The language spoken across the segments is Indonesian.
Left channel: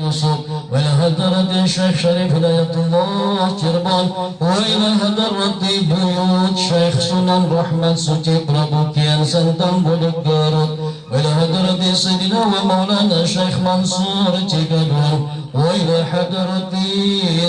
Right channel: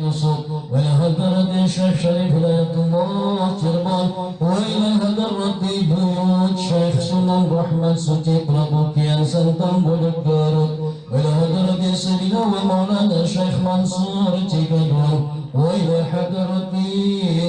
يوسف وإلى حضرة الشيخ شريف هداية الله جربان وإلى حضرة بيوت شيخ سنن رحمة سوتي برابوكيان سنتم بولك غارود وإلى حضرة سيدنا ومولانا الشيخ منصور تيكادون وإلى حضرة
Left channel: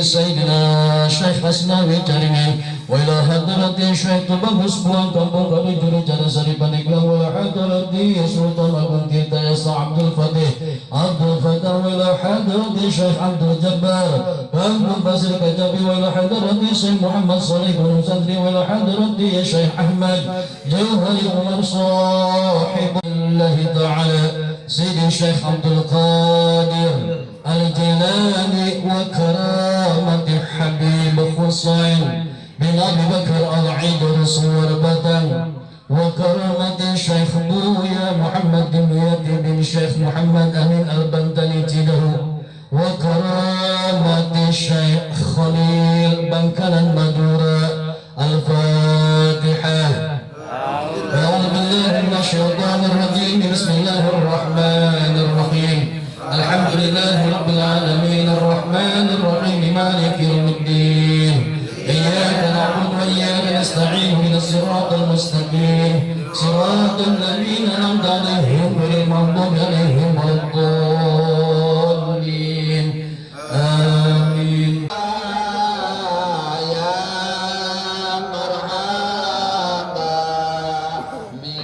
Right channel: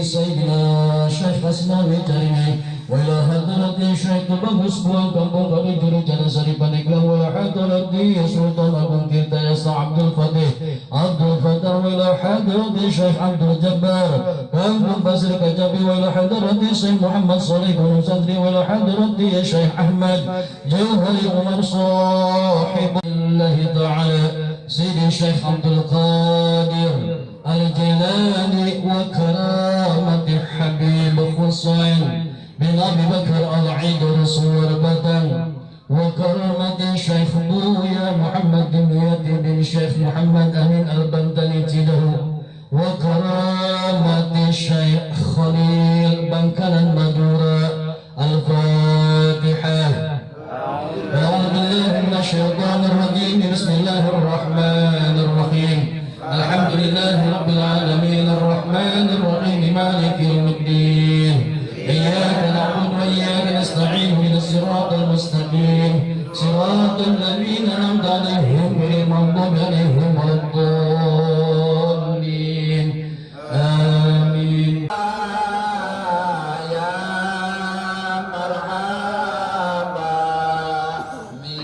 سيدنا الشيخ حسناوي ترمي وإلى حضرة الشيخ تبغس بوان كمبو كبي جوري جانا سريبان إكلام وإلى حضرة سلطان أبو كيتا يسا عبد الفتح وإلى حضرة الشيخ عبد الجبار وأبو البصر كجابي وإلى حضرة الشيخ محمد صالح بن صدري وإلى حضرة الشيخ أحمد جوهري عمر صاحب الله تعالى سيدي الشيخ عبد القادر الجيلاني وكرامة حبيب حسين بن أبي بكر العيد رسول بطن وكرامة الشيخ بويا محمد دمياطي بن الشيخ محمد أمين البنتني تيده وكرامة الشيخ خليل بنكن المدورة الفاتحة أعوذ بالله من الشيطان الرجيم بسم الله الرحمن الرحيم الحمد لله رب العالمين الرحمن الرحيم مالك يوم الدين إياك نعبد وإياك نستعين من الصراط المستقيم صراط الذين أنعمت عليهم غير المغضوب عليهم ولا الضالين آمين يا مرحبا من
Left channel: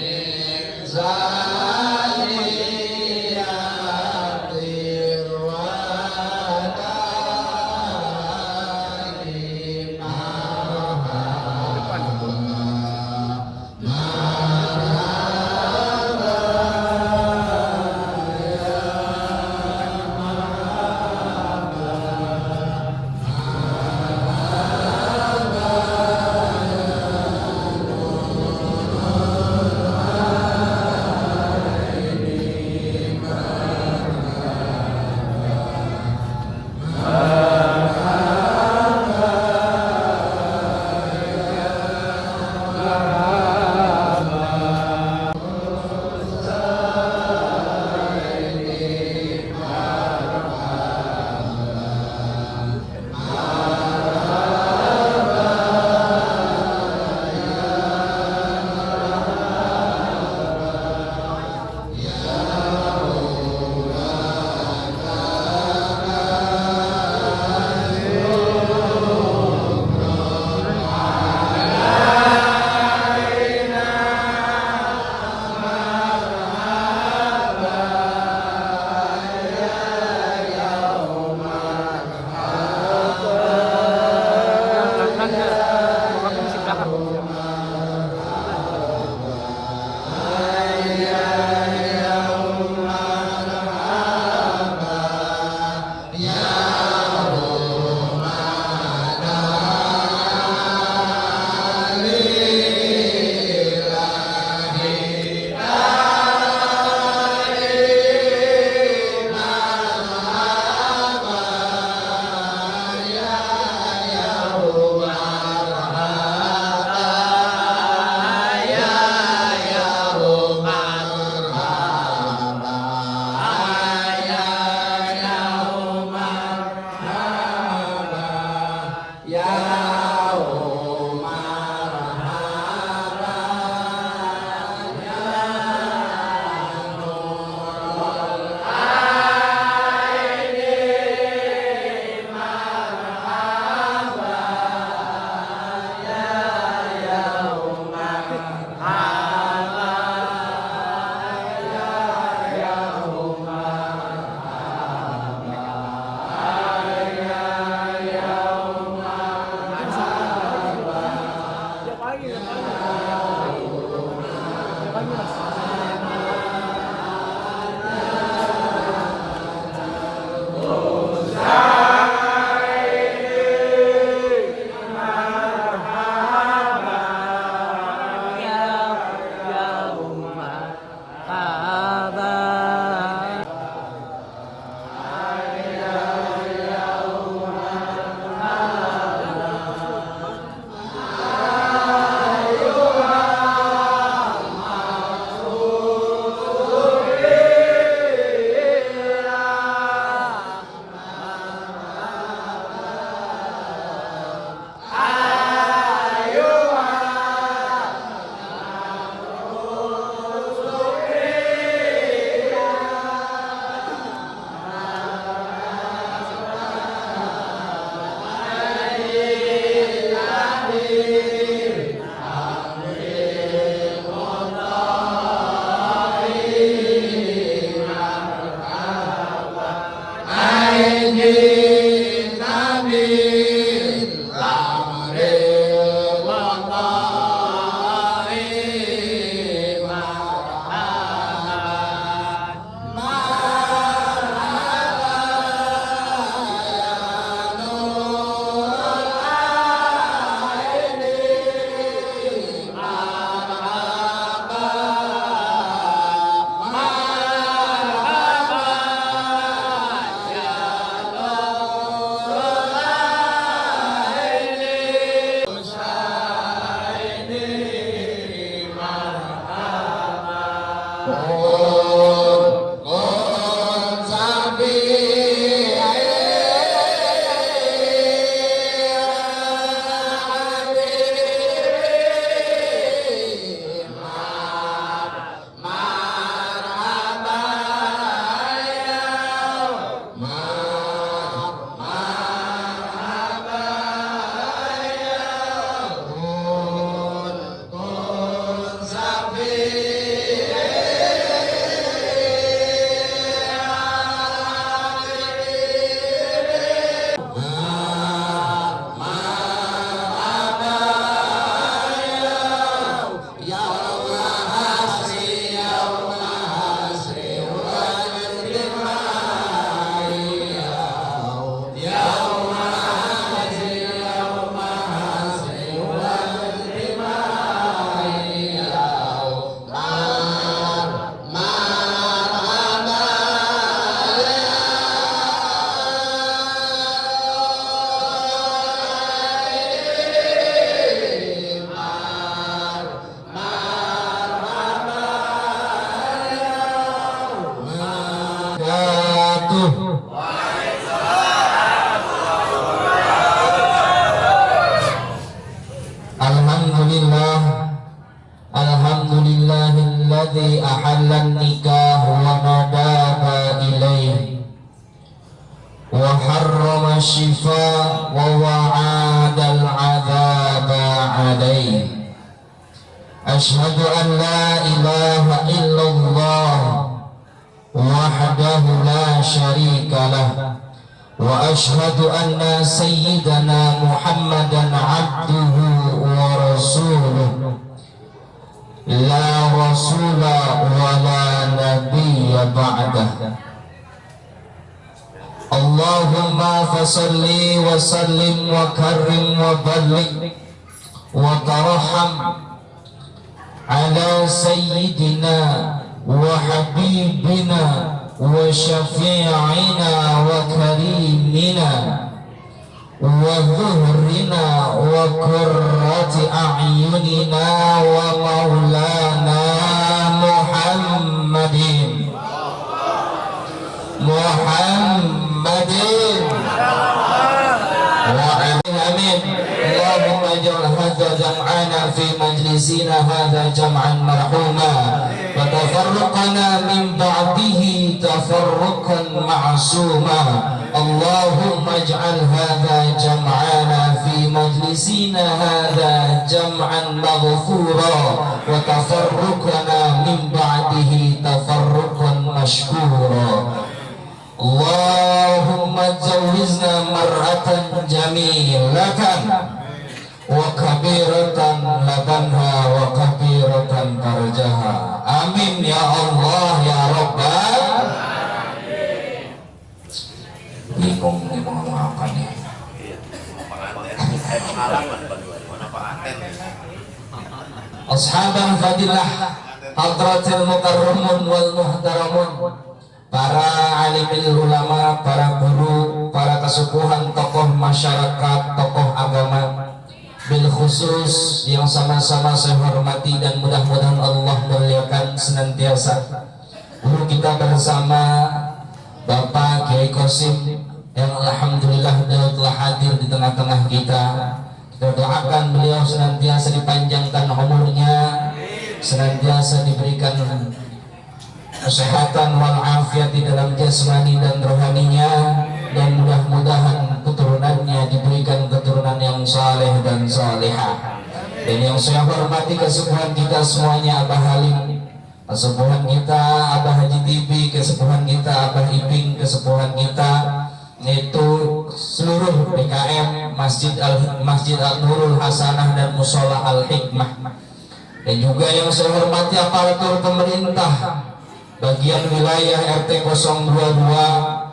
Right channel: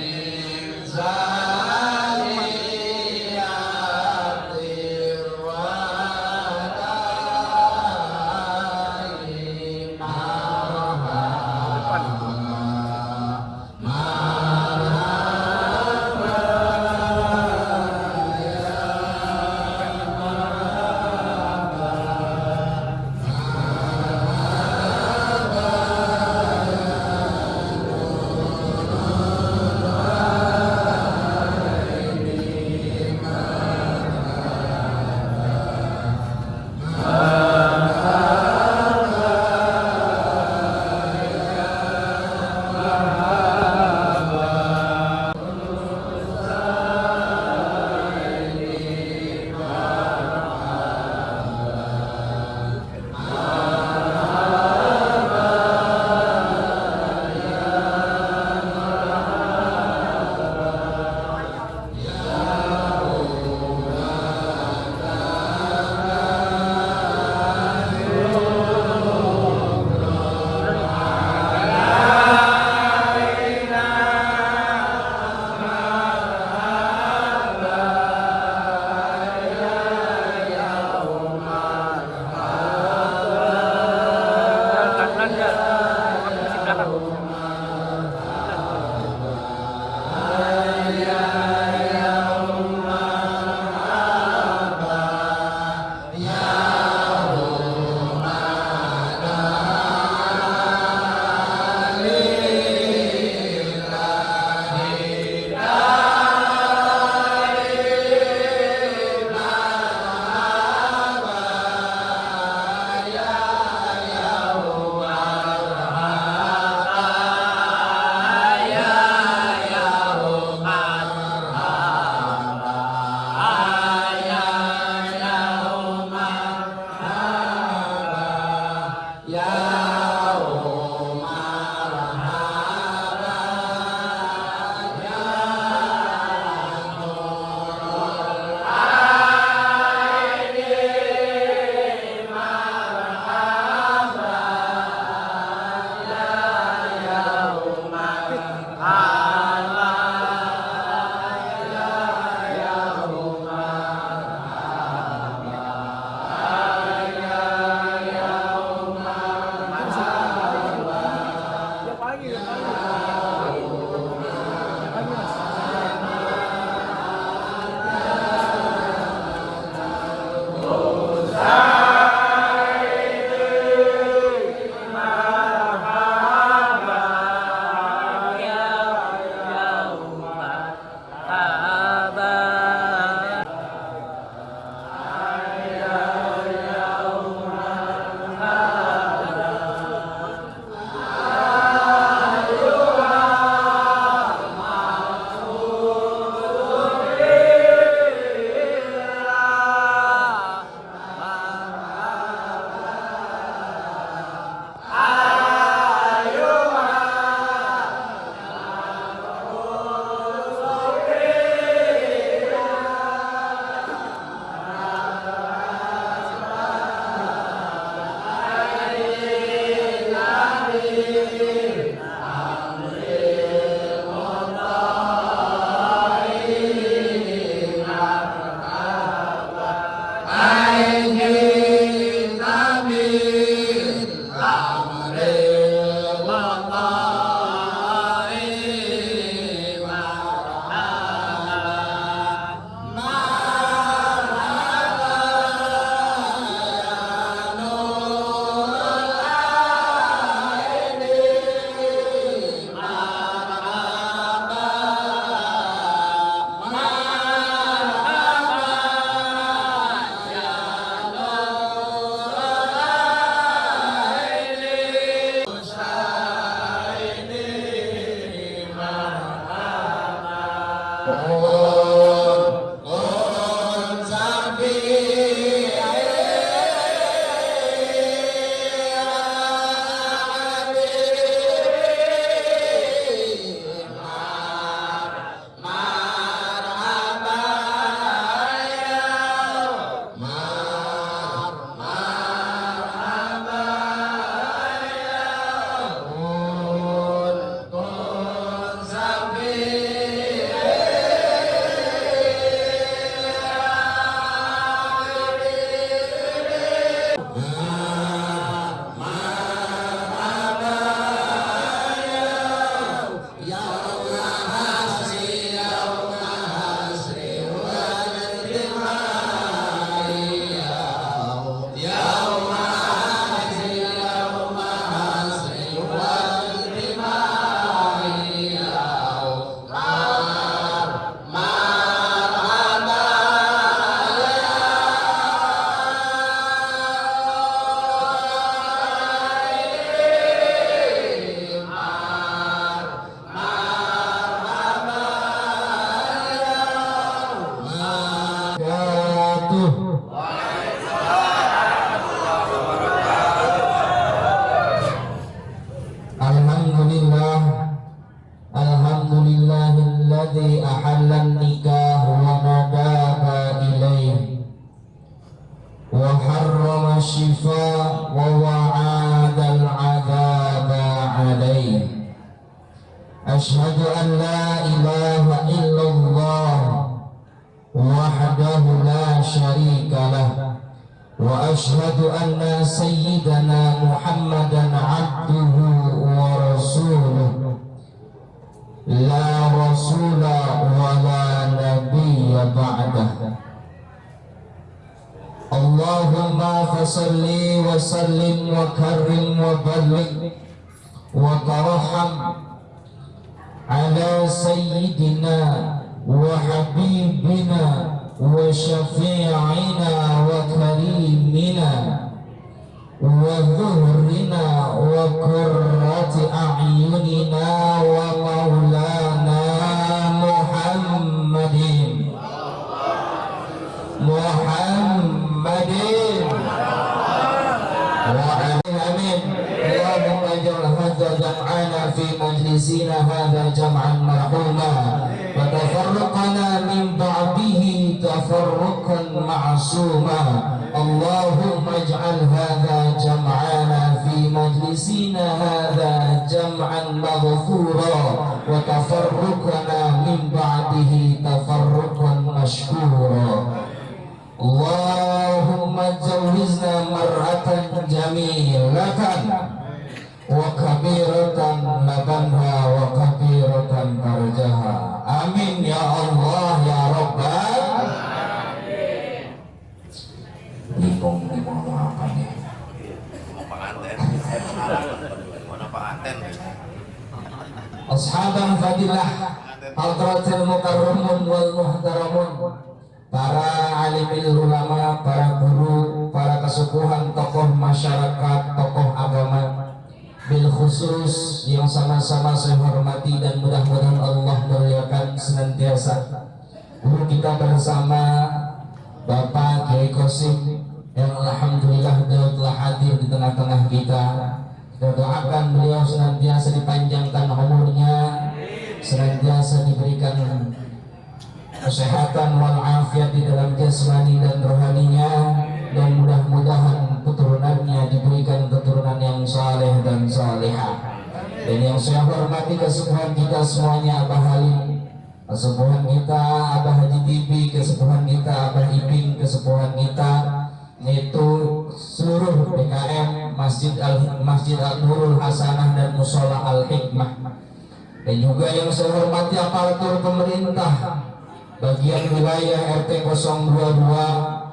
Alhamdulillahilladzi ahallan nikah wa nadaba ilaih wa harrama shifa wa wa'adal adaba alaih. Ashhadu an la ilaha illallah wahdahu la syarika lah wa ashhadu anna sayyidana Muhammadan abduhu wa rasuluh la rasula wa la nabiyya ba'dah. Allahumma fasalli wa sallim wa karrim wa balligh wa tarham ala sayyidina wa habibina wa syafi'ina wa karimina wa zuhrina wa qurrati a'yunina wa maulana Muhammadin amin. Allahumma ij'al hadha jam'ana fi majlisina hadha jam'an marhuma wa tafarraqana min ba'dihi tafarruqan ma'suma. Allahumma ij'al hadha jam'ana fi majlisina hadha jam'an maghfura wa tafarraqana min ba'dihi tafarruqan mashkura. Allahumma jawizna mar'atan jamilatan wa kabiratan labanha wa kabiratan tarjaha. Amin ya Allah ya Rabbal. Bingung nih mau ngomong apa nih. Ashaban fadilah hadratil mukarramun wal muhtaramun, para alimil ulama, para guru, para kesukuhan, tokoh masyarakat, tokoh agama, bil khusus yang sama-sama saya hormati dan mudah-mudahan Allah muliakan senantiasa guru kita bersama Bapak Kiai Qasim yang alhamdulillah telah hadir di tengah-tengah kita. Kita doakan beliau senantiasa dipanjangkan umurnya, senantiasa diberikan kesehatan wal afiat di dalam jasmani dan rohaninya, dan mudah-mudahan keturunannya diberikan keturunan yang saleh dan salihah. Dan yang saya hormati kesepuhan kita semuanya, Abah Halim, kesepuhan kita Abah Haji Tibi, kesepuhan kita Abah Iping, kesepuhan kita Masjid Al-Nurul Hasanah dan Musola Al-Hikmah, dan juga yang saya hormati aparatur pemerintah bagian wilayah RT 022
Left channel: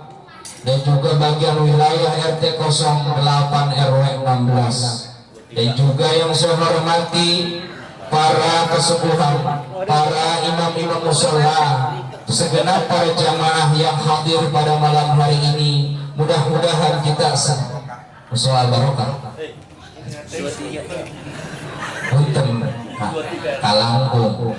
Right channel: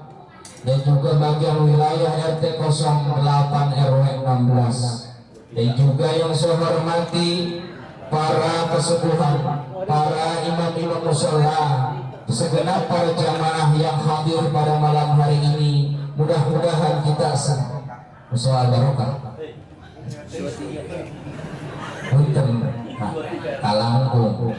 dan juga bagian wilayah RT 08 RW 16, dan juga yang saya hormati para kesepuhan, para imam-imam musola, segenap para jamaah yang hadir pada malam hari ini. Mudah-mudahan kita musola barokah. Punten kalangkung.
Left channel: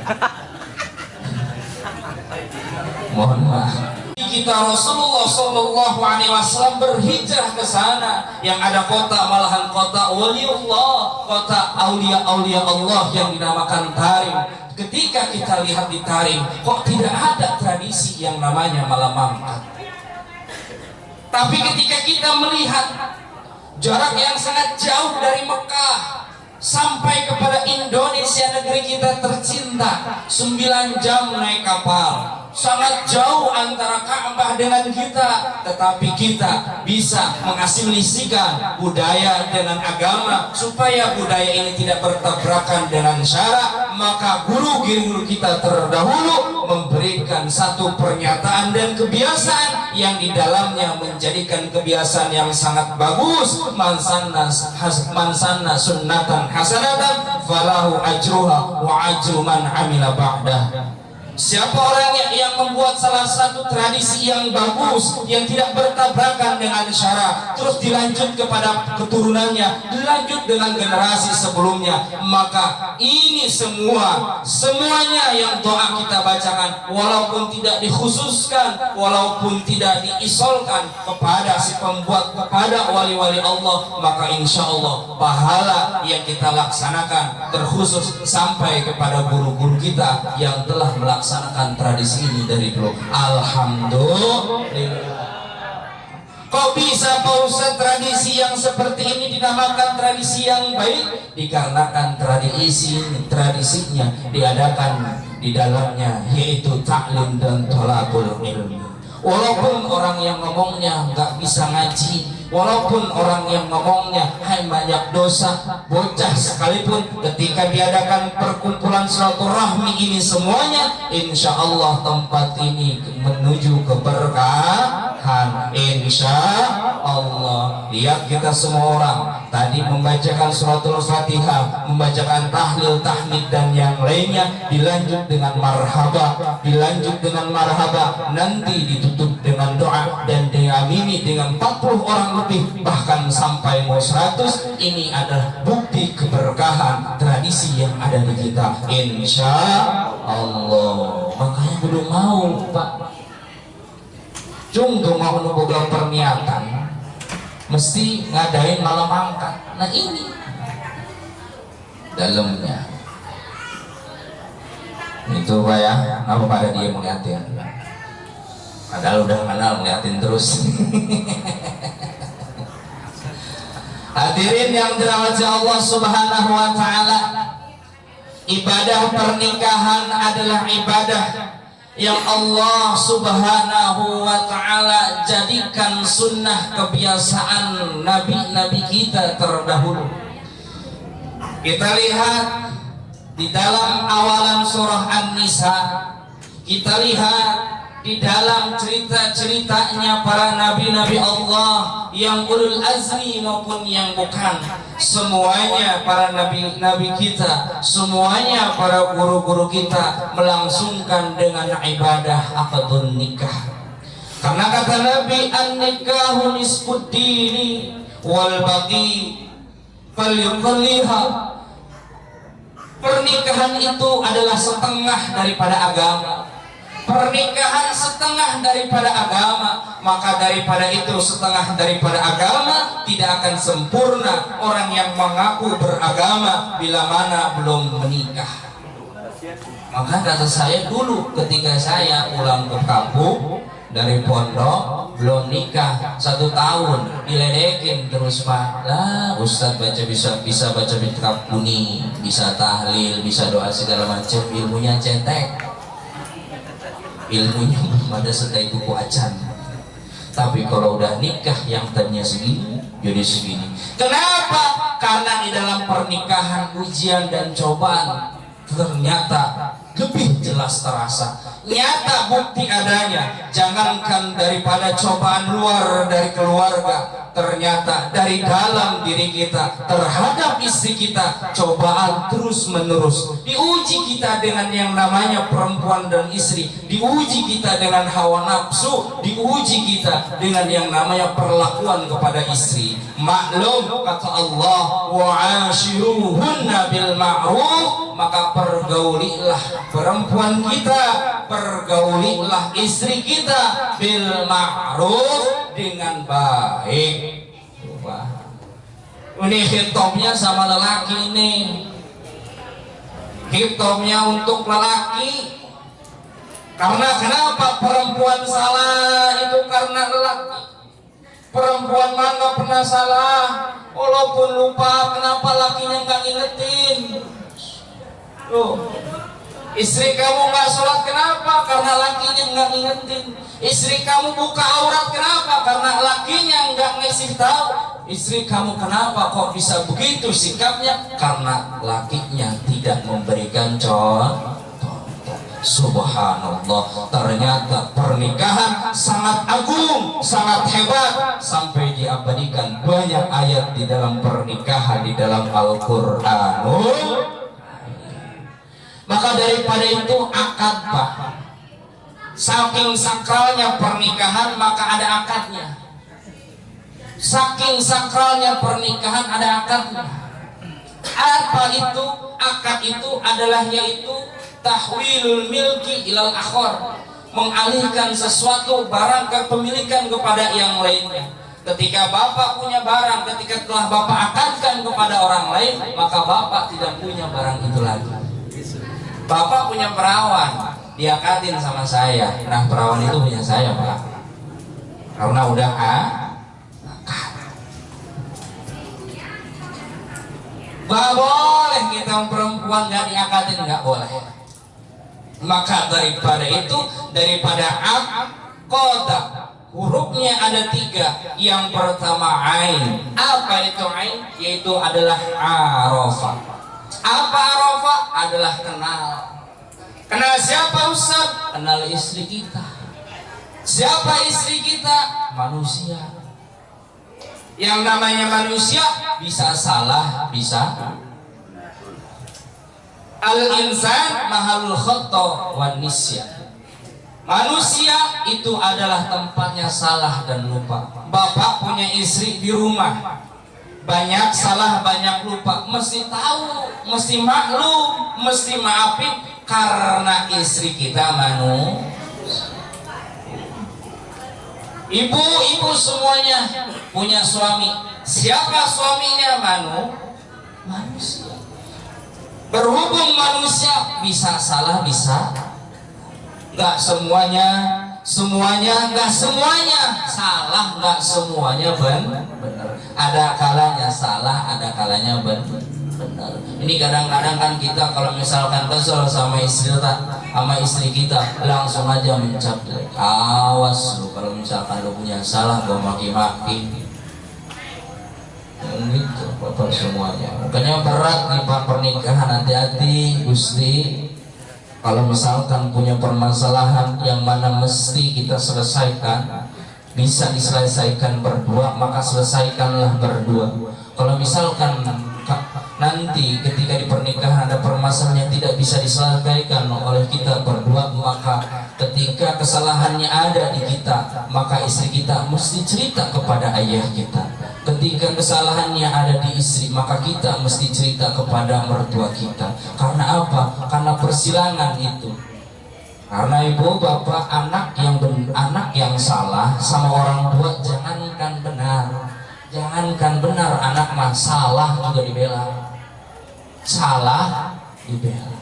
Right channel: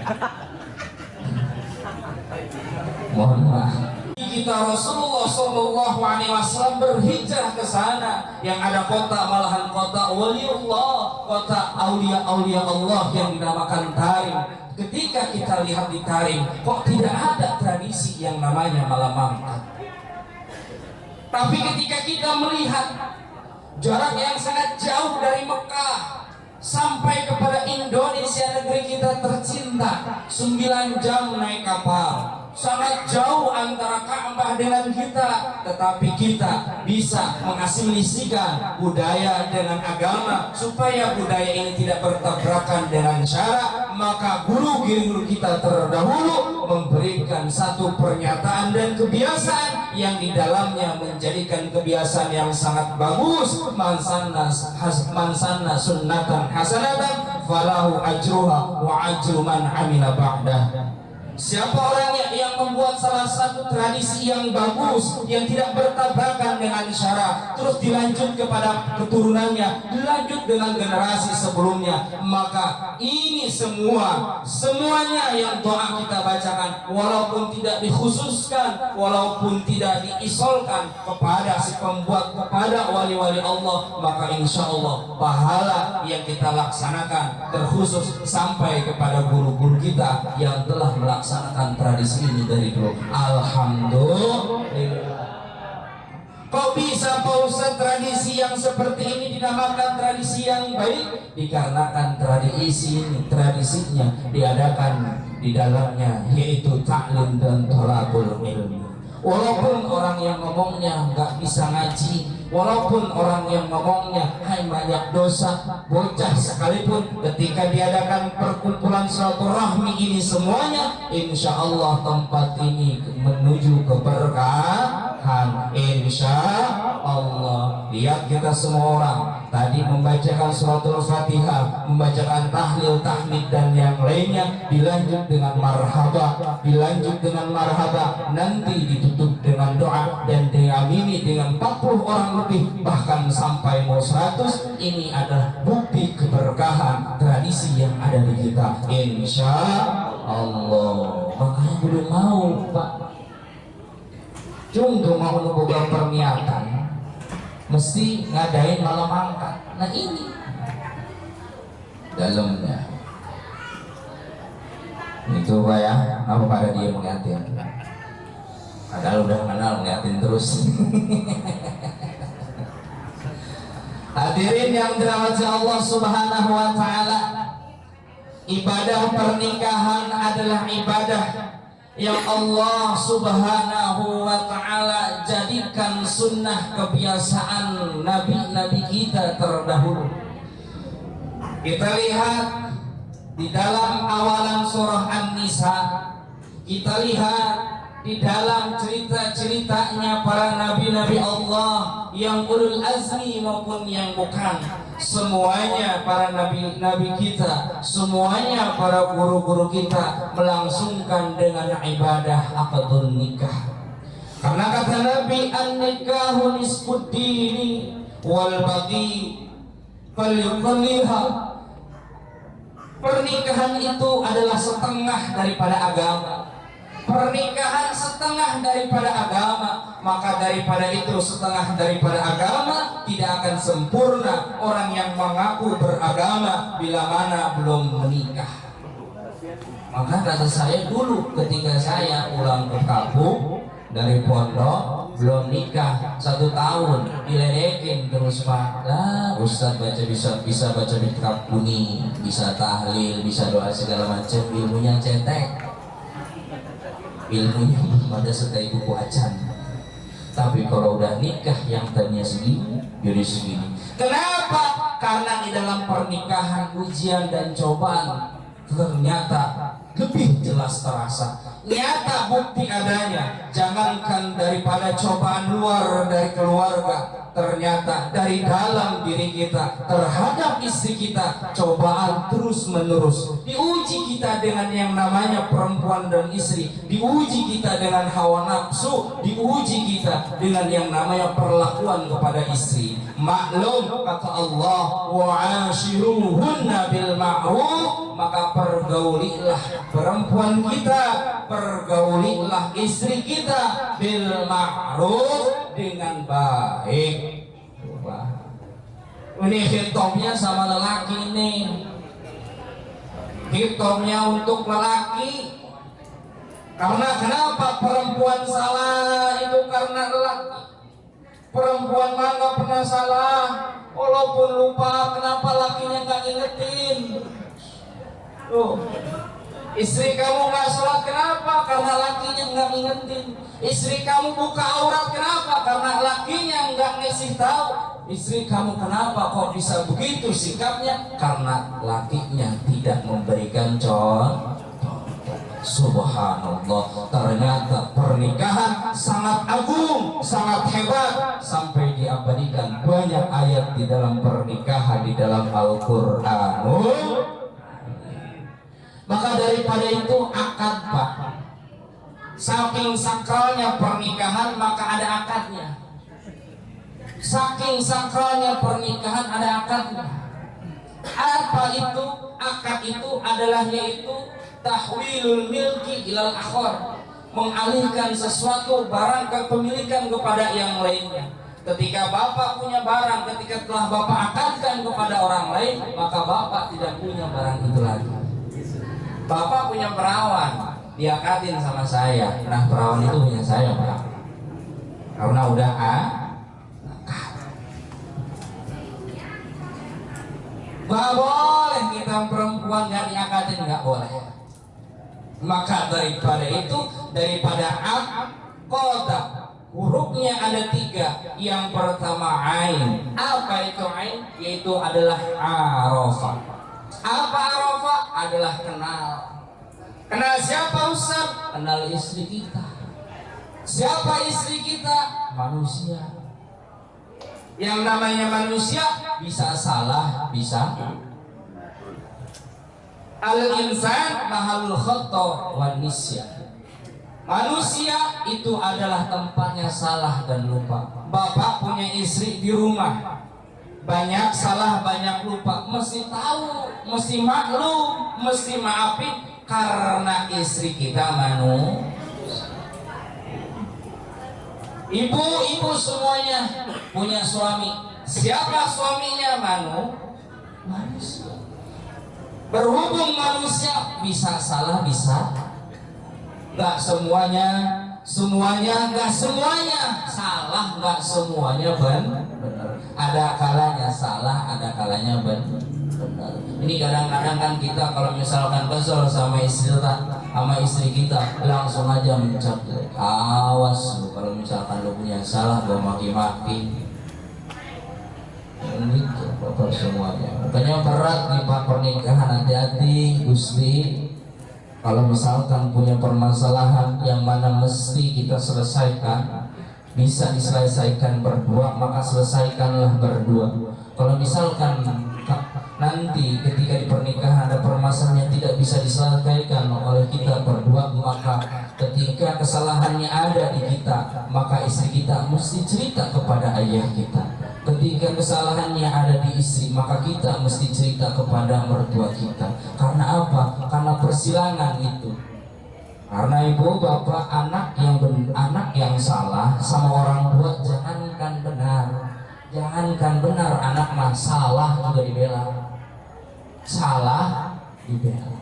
Mohon maaf. Kita Rasulullah Shallallahu Alaihi Wasallam berhijrah ke sana, yang ada kota malahan kota waliullah, kota aulia Allah yang dinamakan Tarim. Ketika kita lihat di Tarim, kok tidak ada tradisi yang namanya malam mangkat. Tapi ketika kita melihat jarak yang sangat jauh dari Mekah sampai kepada Indonesia, negeri kita tercinta, 9 jam naik kapal. Sangat jauh antara Ka'bah dengan kita, tetapi kita bisa mengasimilasikan budaya dengan agama supaya budaya ini tidak bertabrakan dengan syarak. Maka guru-guru kita terdahulu memberikan satu pernyataan dan kebiasaan yang di dalamnya menjadikan kebiasaan yang sangat bagus. Man sanna sunnatan hasanatan falahu ajruha wa ajru man amila ba'dah. Siapa orang yang membuat salah satu tradisi yang bagus, yang tidak bertabrakan dengan syarak, terus dilanjut kepada keturunannya, dilanjut dengan generasi sebelumnya, maka ini semuanya yang doa kita bacakan, walaupun tidak dikhususkan, walaupun tidak diisolkan kepada si pembuat, kepada wali-wali Allah, maka insya Allah pahala yang kita laksanakan terkhusus sampai kepada guru-guru kita yang telah melaksanakan tradisi ini dari dulu. Alhamdulillah. Kok bisa Pak Ustaz tradisi yang seperti ini dinamakan tradisi yang baik? Dikarenakan tradisinya diadakan di dalamnya yaitu taklim dan thalabul ilmi. Walaupun orang yang ngomongnya nggak bisa ngaji, walaupun orang yang ngomongnya hai banyak dosa, bocah sekalipun, ketika diadakan perkumpulan silaturahmi ini semuanya, insya Allah tempat ini menuju keberkahan. Insya Allah. Lihat kita semua orang tadi membacakan suratul Fatihah, membacakan tahlil, tahmid dan yang lainnya, dilanjut dengan marhaba, nanti ditutup dengan doa dan diamini dengan 40 orang lebih, bahkan sampai mau 100. Ini adalah bukti keberkahan tradisi yang ada di kita, insya Allah. Makanya belum mau Pak Cung tuh mau membuka perniatan mesti ngadain malam angkat. Nah ini dalamnya itu Pak ya, apa pada dia ngeliatin, padahal udah kenal ngeliatin terus. Hadirin yang dirahmati Allah Subhanahu wa taala, ibadah pernikahan adalah ibadah yang Allah Subhanahu wa taala jadikan sunnah kebiasaan nabi-nabi kita terdahulu. Kita lihat di dalam awalan surah An-Nisa, kita lihat di dalam cerita-ceritanya para nabi-nabi Allah yang ulul azmi maupun yang bukan, semuanya para nabi-nabi kita, semuanya para guru-guru kita melangsungkan dengan ibadah akadun nikah. Karena kata Nabi, an-nikahu nisfud dini wal baqi falyuqalliha. Pernikahan itu adalah setengah daripada agama. Pernikahan setengah daripada agama, maka daripada itu setengah daripada agama tidak akan sempurna orang yang mengaku beragama bila mana belum menikah. Maka kata saya dulu ketika saya pulang ke kampung dari pondok, belum nikah 1 tahun, diledekin terus Pak. Lah Ustadz bisa baca kitab kuning, bisa tahlil, bisa doa segala macam, ilmunya cetek, ilmunya belum ada sedai buku acan. Tapi kalau udah nikah yang tadinya segini jadi segini. Kenapa? Karena di dalam pernikahan ujian dan cobaan ternyata lebih jelas terasa, nyata bukti adanya. Jangankan daripada cobaan luar dari keluarga, ternyata dari dalam diri kita terhadap istri kita cobaan terus menerus. Diuji kita dengan yang namanya perempuan dan istri, diuji kita dengan hawa nafsu, diuji kita dengan yang namanya perlakuan kepada istri. Maklum kata Allah, wa'ashiruhunna bil ma'ruf, maka pergaulilah perempuan kita, pergaulilah istri kita bil ma'ruf, dengan baik. Coba. Ini hitopnya sama lelaki ini. Hitopnya untuk lelaki. Karena kenapa perempuan salah itu karena lelaki. Perempuan mah nggak pernah salah, walaupun lupa kenapa lakinya nggak ngingetin. Tuh, istri kamu nggak sholat kenapa? Karena lakinya nggak ngingetin. Istri kamu buka aurat kenapa? Karena lakinya nggak ngasih tahu. Istri kamu kenapa kok bisa begitu sikapnya? Karena lakinya tidak memberikan contoh. Subhanallah, ternyata pernikahan sangat agung, sangat hebat, sampai diabadikan banyak ayat di dalam pernikahan di dalam Al-Qur'anul. Maka daripada itu akad, Pak. Saking sakralnya pernikahan maka ada akadnya. Saking sakralnya pernikahan ada akadnya. Apa itu? Akad itu adalah yaitu tahwilul milki ilal akhor, mengalihkan sesuatu barang kepemilikan kepada yang lainnya. Ketika bapak punya barang, ketika telah bapak akadkan kepada orang lain, maka bapak tidak punya barang itu lagi. Bapak punya perawan, diakadin sama saya. Nah, perawan itu punya saya, Pak. Karena udah akad. Gak boleh kita perempuan gak diakadin, gak boleh. Maka daripada itu, daripada aqadah, hurufnya ada 3. Yang pertama ain. Apa itu ain? Yaitu adalah arafah. Apa arafah? Adalah kenal. Kenal siapa Ustaz? Kenal istri kita. Siapa istri kita? Manusia. Yang namanya manusia bisa salah, bisa. Al-insan mahalul khata wan nisyan. Manusia itu adalah tempatnya salah dan lupa. Bapak punya istri di rumah, banyak salah, banyak lupa. Mesti tahu, mesti maklum, mesti maafin. Karena istri kita Ibu-ibu semuanya punya suami. Siapa suaminya? Manusia. Berhubung manusia bisa salah, bisa nggak semuanya, nggak semuanya salah, nggak semuanya benar. Ada kalanya salah, ada kalanya benar. Ini kadang-kadang kan kita kalau misalkan kesel sama istri kita langsung aja mencap. Awas lu kalau misalkan lu punya salah, gua maki-maki. Gitu bapak semuanya. Makanya berat nih Pak pernikahan, hati-hati Gusti. Kalau misalkan punya permasalahan yang mana mesti kita selesaikan, bisa diselesaikan berdua, maka selesaikanlah berdua. Kalau misalkan nanti ketika di pernikahan ada permasalahan yang tidak bisa diselesaikan oleh kita berdua, maka ketika kesalahannya ada di kita, maka istri kita mesti cerita kepada ayah kita. Ketika kesalahannya ada di istri, maka kita mesti cerita kepada mertua kita. Karena apa? Karena persilangan itu. Karena ibu bapak anak yang salah sama orang tua, jangankan benar, anak mah salah juga dibela. Salah dibela.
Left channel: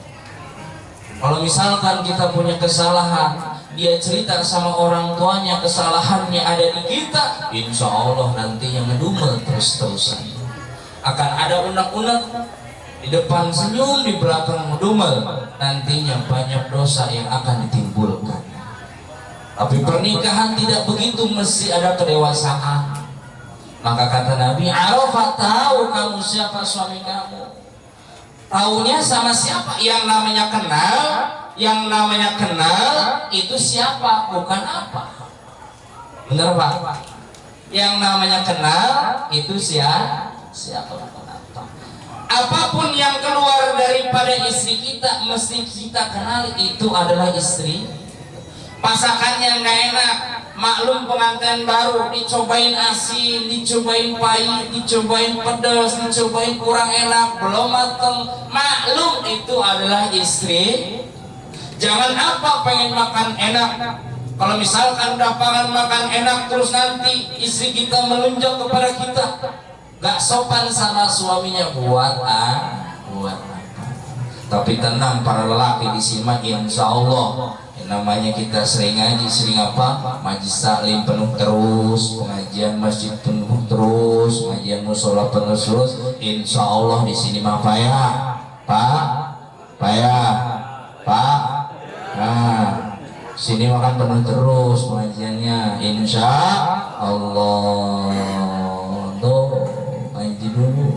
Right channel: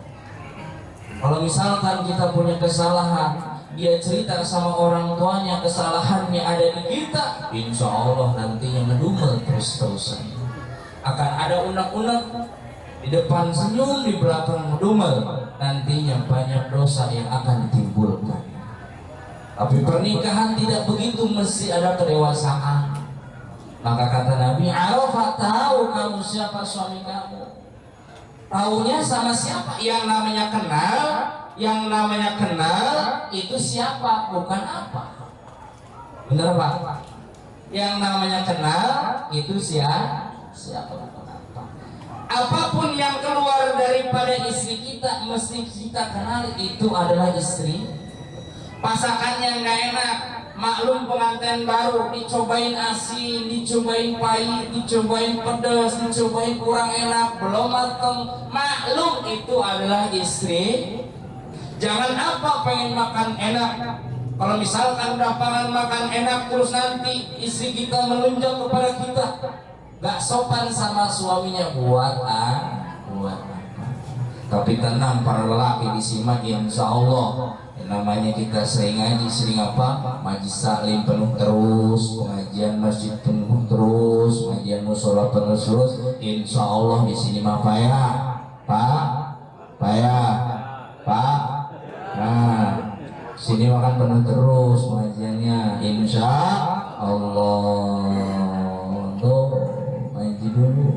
Kalau misalkan kita punya kesalahan, dia cerita sama orang tuanya kesalahannya ada di kita, insya Allah nanti yang ngedumel terus-terusan. Akan ada unek-unek, di depan senyum, di belakang ngedumel. Nantinya banyak dosa yang akan ditimbulkan. Tapi pernikahan tidak begitu, mesti ada kedewasaan. Maka kata Nabi, Arafah, tahu kamu siapa suami kamu. Taunya sama siapa? Yang namanya kenal. Yang namanya kenal itu siapa, bukan apa. Benar Pak? Yang namanya kenal itu siapa, bukan apa. Apapun yang keluar daripada istri kita, mesti kita kenal itu adalah istri. Pasakannya nggak enak, maklum pengantin baru, dicobain asin, dicobain pahit, dicobain pedas, dicobain kurang enak, belum mateng, maklum itu adalah istri. Jangan apa pengen makan enak, kalau misalkan udah pengen makan enak terus nanti istri kita melunjak kepada kita, gak sopan sama suaminya, buat apa. Tapi tenang para lelaki di sini, insya Allah namanya kita sering ngaji, sering apa, majlis taklim penuh terus, pengajian masjid penuh terus, pengajian musola penuh terus, insya Allah di sini mah payah Pak. Nah, sini makan penuh terus pengajiannya, insya Allah. Tuh ngaji dulu.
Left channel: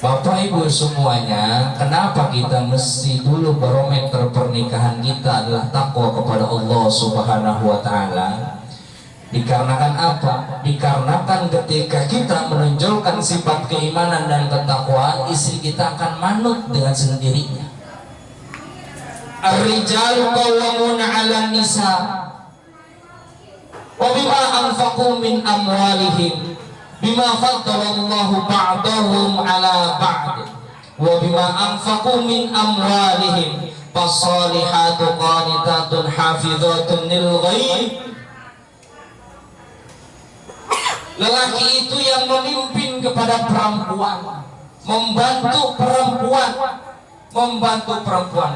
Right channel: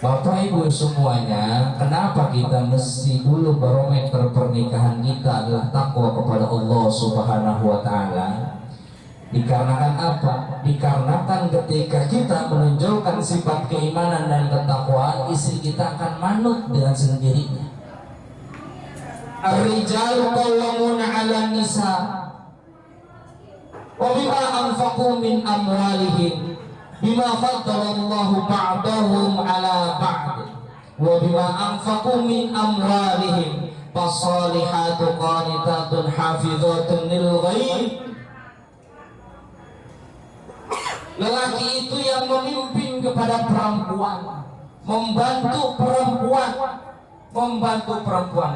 Bapak Ibu semuanya, kenapa kita mesti dulu barometer pernikahan kita adalah takwa kepada Allah Subhanahu wa Ta'ala? Dikarenakan apa? Dikarenakan ketika kita menonjolkan sifat keimanan dan ketakwaan, istri kita akan manut dengan sendirinya. Ar-rijalu qawwamuna 'alan nisa wa bima anfaqu min amwalihim bima faddalallahu ba'dahum 'ala ba'd wa bima anfaqu min amwalihim fasalihatu qanitatun hafizatun lil ghaib. Lelaki itu yang memimpin kepada perempuan, membantu perempuan.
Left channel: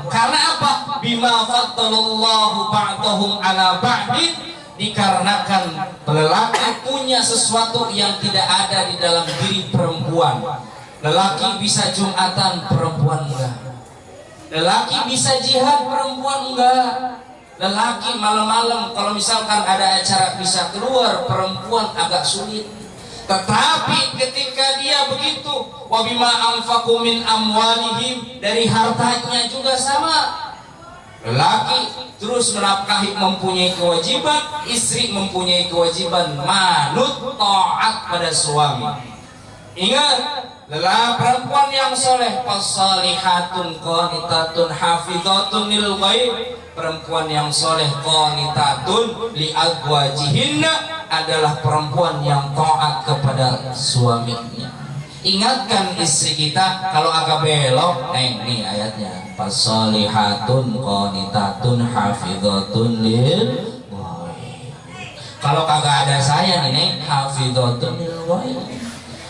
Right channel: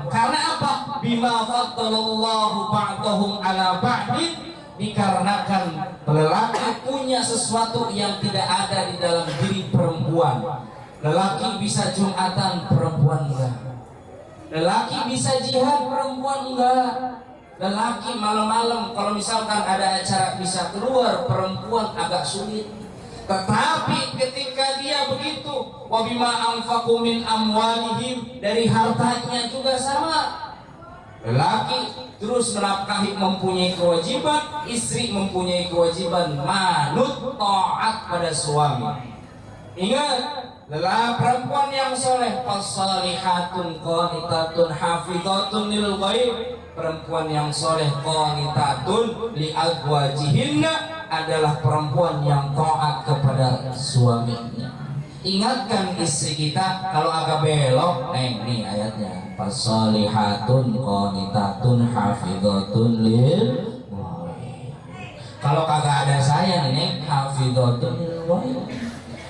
Karena apa? Bima faddalallahu ba'dahum 'ala ba'din, dikarenakan lelaki punya sesuatu yang tidak ada di dalam diri perempuan. Lelaki bisa jumatan, perempuan enggak. Lelaki bisa jihad, perempuan enggak. Lelaki malam-malam kalau misalkan ada acara bisa keluar, perempuan agak sulit. Tetapi ketika dia begitu, wabima anfaqu min amwalihim, dari hartanya juga sama. Lelaki terus menafkahi, mempunyai kewajiban, istri mempunyai kewajiban manut taat pada suami. Ingat, lelah perempuan yang soleh, fasalihatun qanitatun hafizatun lil ghaib. Perempuan yang soleh qanitatun li azwajihinna adalah perempuan yang taat kepada suaminya. Ingatkan istri kita kalau agak belok, ini ayatnya, fasalihatun qanitatun hafizatun lil ghaib. Kalau kagak ada saya nih, hafizatun lil ghaib.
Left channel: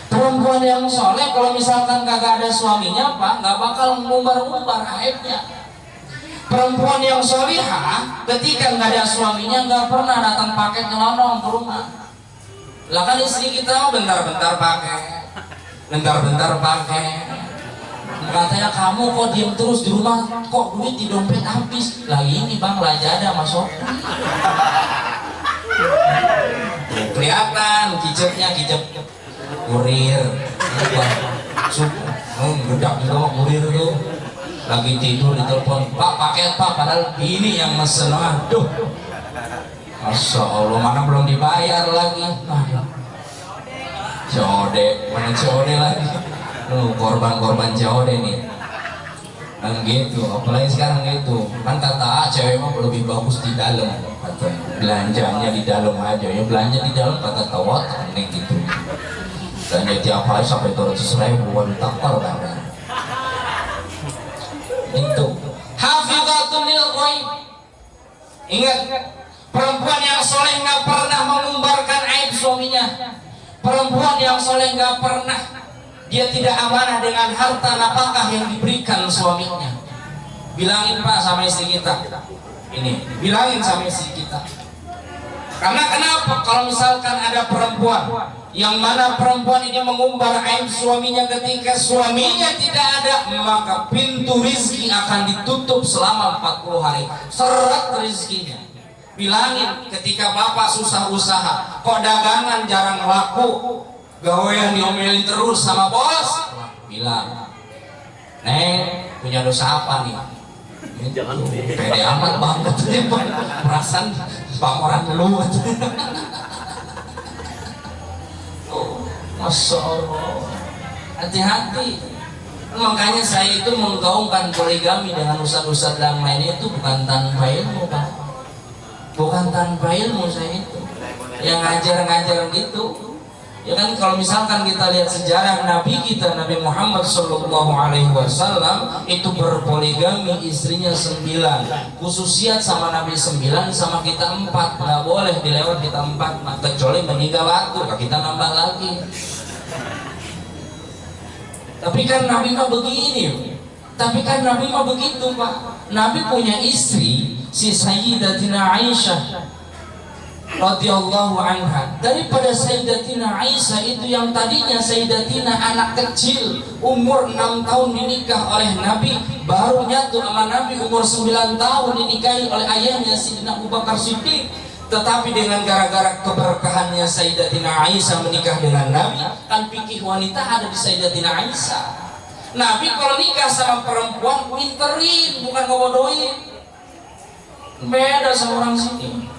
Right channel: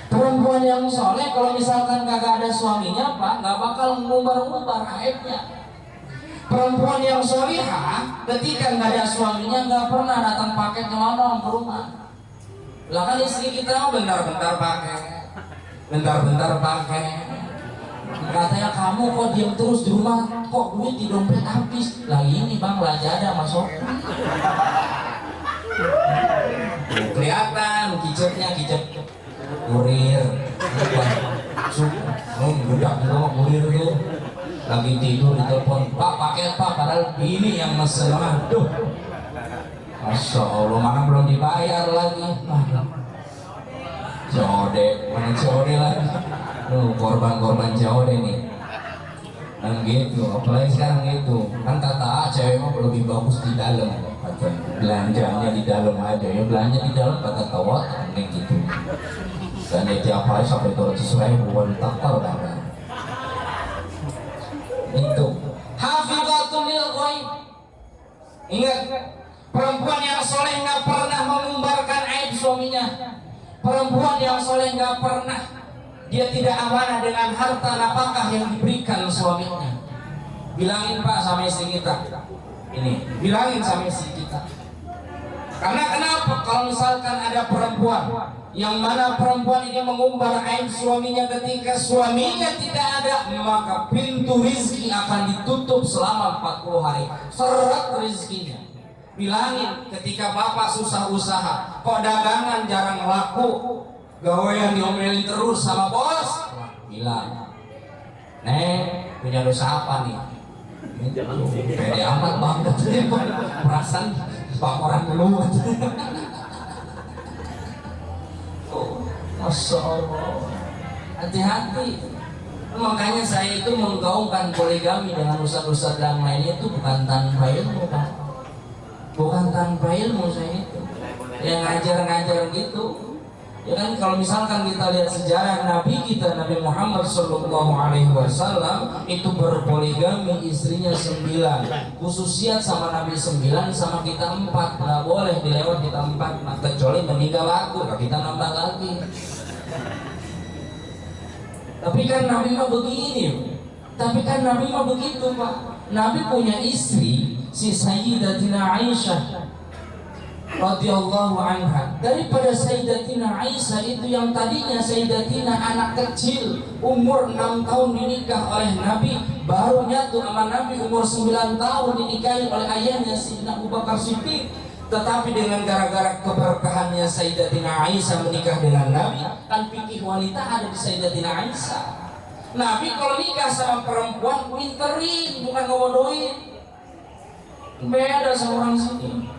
Perempuan yang soleh kalau misalkan kagak ada suaminya, Pak, nggak bakal ngumbar-ngumbar aibnya. Perempuan yang solihah ketika nggak ada suaminya nggak pernah datang pakai nyelonong ke rumah. Lah kan istri kita bentar-bentar pakai, katanya kamu kok diem terus di rumah, kok duit di dompet habis. Lah ini bang, belanja ada masuk. Kelihatan kicetnya, kicet kurir, budak juga mau kurir tuh. Lagi tidur ditelepon, Pak paket Pak, padahal ini yang mesen. Aduh, Masya Allah, mana belum dibayar lagi. COD, mana COD lagi? Korban-korban COD nih. Dan gitu, apalagi sekarang gitu. Kan kata cewek mah lebih bagus di dalam. Belanjanya di dalam aja, ya belanja di dalam kata tawat, aneh gitu. Dan tiap hari sampai 200.000 buat takar kan. Itu hafizatun lil ghaib. Ingat, perempuan yang soleh nggak pernah mengumbarkan aib suaminya. Perempuan yang soleh nggak pernah, dia tidak amanah dengan harta nafkah yang diberikan suaminya. Bilangin Pak sama istri kita, ini bilangin sama istri kita. Karena kenapa? Kalau misalkan ada perempuan yang mana perempuan ini mengumbar aib suaminya ketika suaminya tidak ada, maka pintu rizki akan ditutup selama 40 hari. Seret rizkinya. Bilangin ketika bapak susah usaha, kok dagangan jarang laku, gawean diomelin terus sama bos, bilang, Neng punya dosa apa nih? Jangan pede amat banget, perasaan pamoran dulu. Masya Allah, hati-hati. Makanya saya itu menggaungkan poligami dengan ustadz-ustadz yang lainnya itu bukan tanpa ilmu, Pak. Bukan tanpa ilmu saya itu. Yang ngajar-ngajar gitu. Ya kan, kalau misalkan kita lihat sejarah Nabi kita, Nabi Muhammad SAW itu berpoligami, istrinya 9, khususiat sama Nabi 9, sama kita 4, nggak boleh dilewat kita 4, kecuali meninggal waktu, kita nambah lagi. Tapi kan Nabi mah begini, tapi kan Nabi mah begitu, Pak. Nabi punya istri, si Sayyidatina Aisyah radhiyallahu anha. Daripada Sayyidatina Aisyah itu yang tadinya Sayyidatina anak kecil umur 6 tahun dinikah oleh Nabi, baru nyatu sama Nabi umur 9 tahun dinikahi oleh ayahnya Sayyidina Abu Bakar Siddiq. Tetapi dengan gara-gara keberkahannya Sayyidatina Aisyah menikah dengan Nabi, kan fikih wanita ada di Sayyidatina Aisyah. Nabi kalau nikah sama perempuan pinterin, bukan ngebodohin. Beda sama orang sini.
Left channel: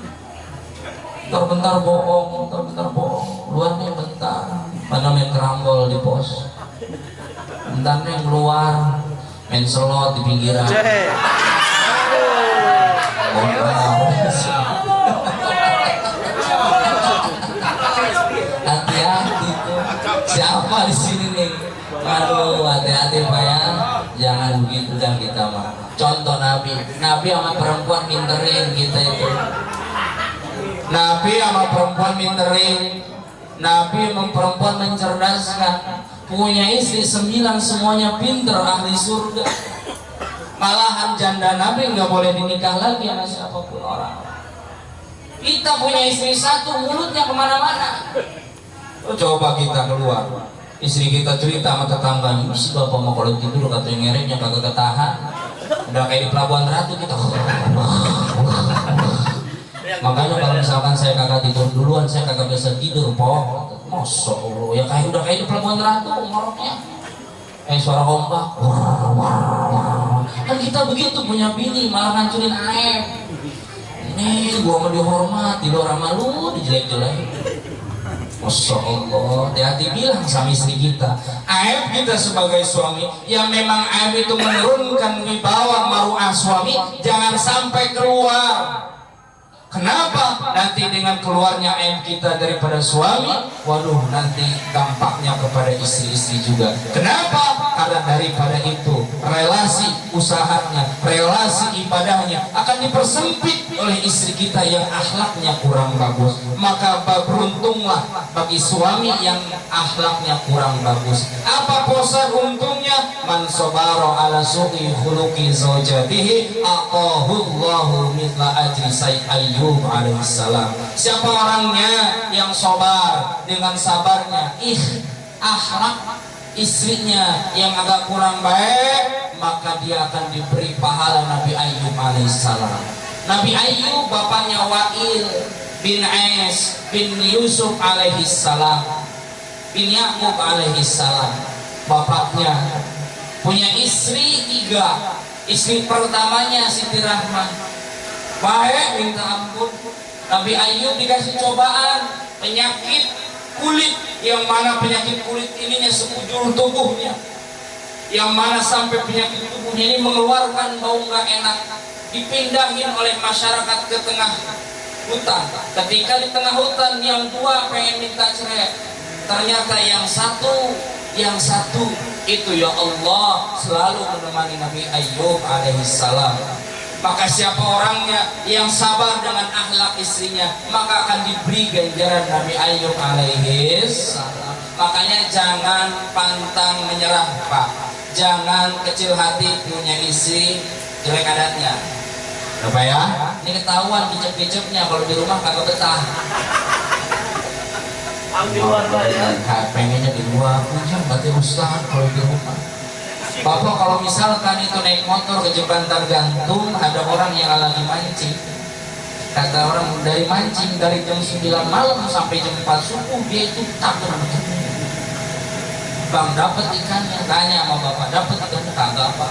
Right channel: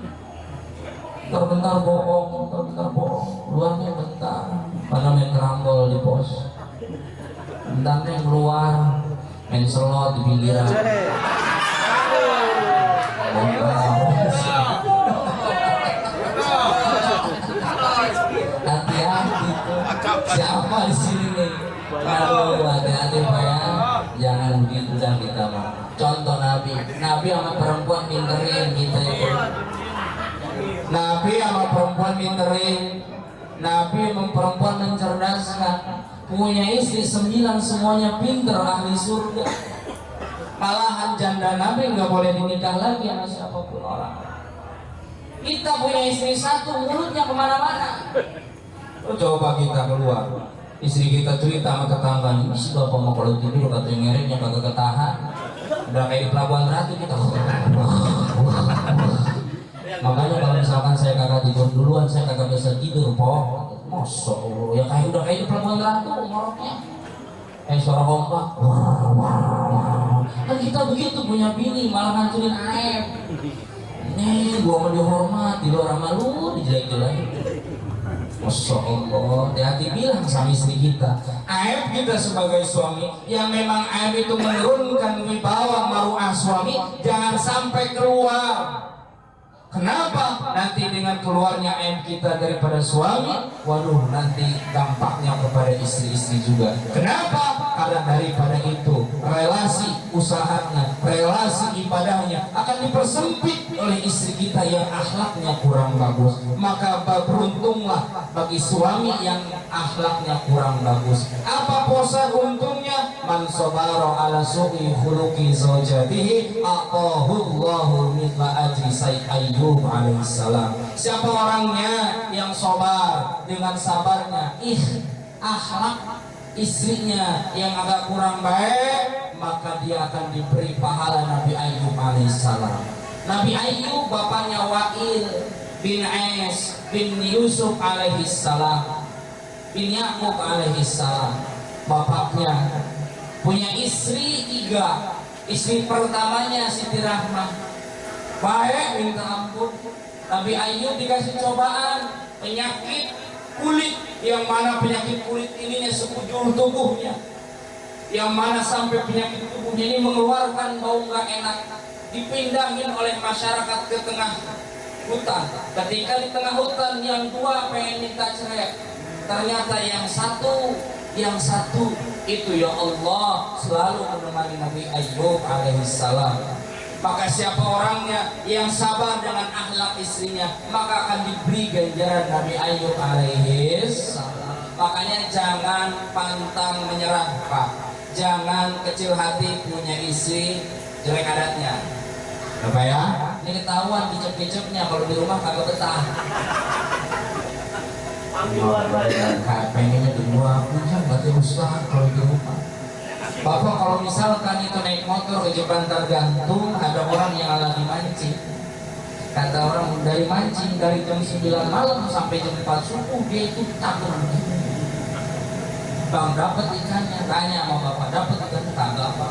Bentar bohong, luarnya bentar, mana main kerambol di pos, bentar yang keluar, main selot di pinggiran. Hati-hati tuh, siapa di sini nih? Aduh, hati-hati Pak ya, jangan begitu dan kita mah. Contoh Nabi sama perempuan minterin kita itu. Nabi sama perempuan minterin, Nabi sama perempuan mencerdaskan, punya istri 9 semuanya pinter, ahli surga. Malahan janda Nabi nggak boleh dinikah lagi sama siapapun orang. Kita punya istri 1, mulutnya kemana-mana. Coba kita keluar, istri kita cerita sama tetangganya, si bapak mau kalau tidur katanya ngereknya kagak ketahan, udah kayak di Pelabuhan Ratu kita. Makanya kalau misalkan saya kagak tidur duluan, saya kagak bisa tidur, po. Masya Allah, ya kayak udah kayak di Pelabuhan Ratu ngoroknya. Suara ombak. Kan kita begitu punya bini, malah ngancurin aib. Ini gua mau dihormat, di luar sama lu dijelek-jelek. Masya Allah, hati-hati bilang sama istri kita. Aib kita sebagai suami, yang memang aib itu menurunkan wibawa maruah suami, jangan sampai keluar. Kenapa? Nanti dengan keluarnya aib kita daripada suami, waduh nanti dampaknya kepada istri-istri juga. Kenapa? Karena daripada itu relasi usahanya, relasi ibadahnya akan dipersempit oleh istri kita yang akhlaknya kurang bagus. Maka beruntunglah bagi suami yang akhlaknya kurang bagus. Apa posa untungnya? Man sabara ala su'i khuluqi zawjatihi aqahu Allahu mithla ajri Sayyid Ayyub alaihissalam. Siapa orangnya yang sabar, dengan sabarnya akhlak istrinya yang agak kurang baik, maka dia akan diberi pahala Nabi Ayyub alaihissalam. Nabi Ayyub bapaknya Wa'il bin Ais bin Yusuf alaihissalam, bin Ya'qub alaihissalam. Bapaknya punya istri 3. Istri pertamanya Siti Rahmah, baik minta ampun. Nabi Ayyub dikasih cobaan penyakit kulit, yang mana penyakit kulit ininya sekujur tubuhnya, yang mana sampai penyakit tubuhnya ini mengeluarkan bau nggak enak. Dipindahin oleh masyarakat ke tengah hutan. Ketika di tengah hutan, yang 2 pengen minta cerai, ternyata yang satu itu ya Allah selalu menemani Nabi Ayyub alaihissalam. Maka siapa orangnya yang sabar dengan akhlak istrinya, maka akan diberi ganjaran Nabi Ayyub alaihissalam. Makanya jangan pantang menyerah, Pak. Jangan kecil hati punya istri jelek adatnya. Apa ya? Ini ketahuan kicep-kicepnya kalau di rumah kagak betah. Pengennya di luar, punya berarti ustaz kalau di rumah. Bapak kalau misalkan itu naik motor ke jembatan gantung, ada orang yang lagi mancing, Kata orang dari mancing dari jam 9 malam sampai jam 4 subuh dia itu takut. Bang dapat ikannya, tanya sama bapak dapat ikannya kagak apa.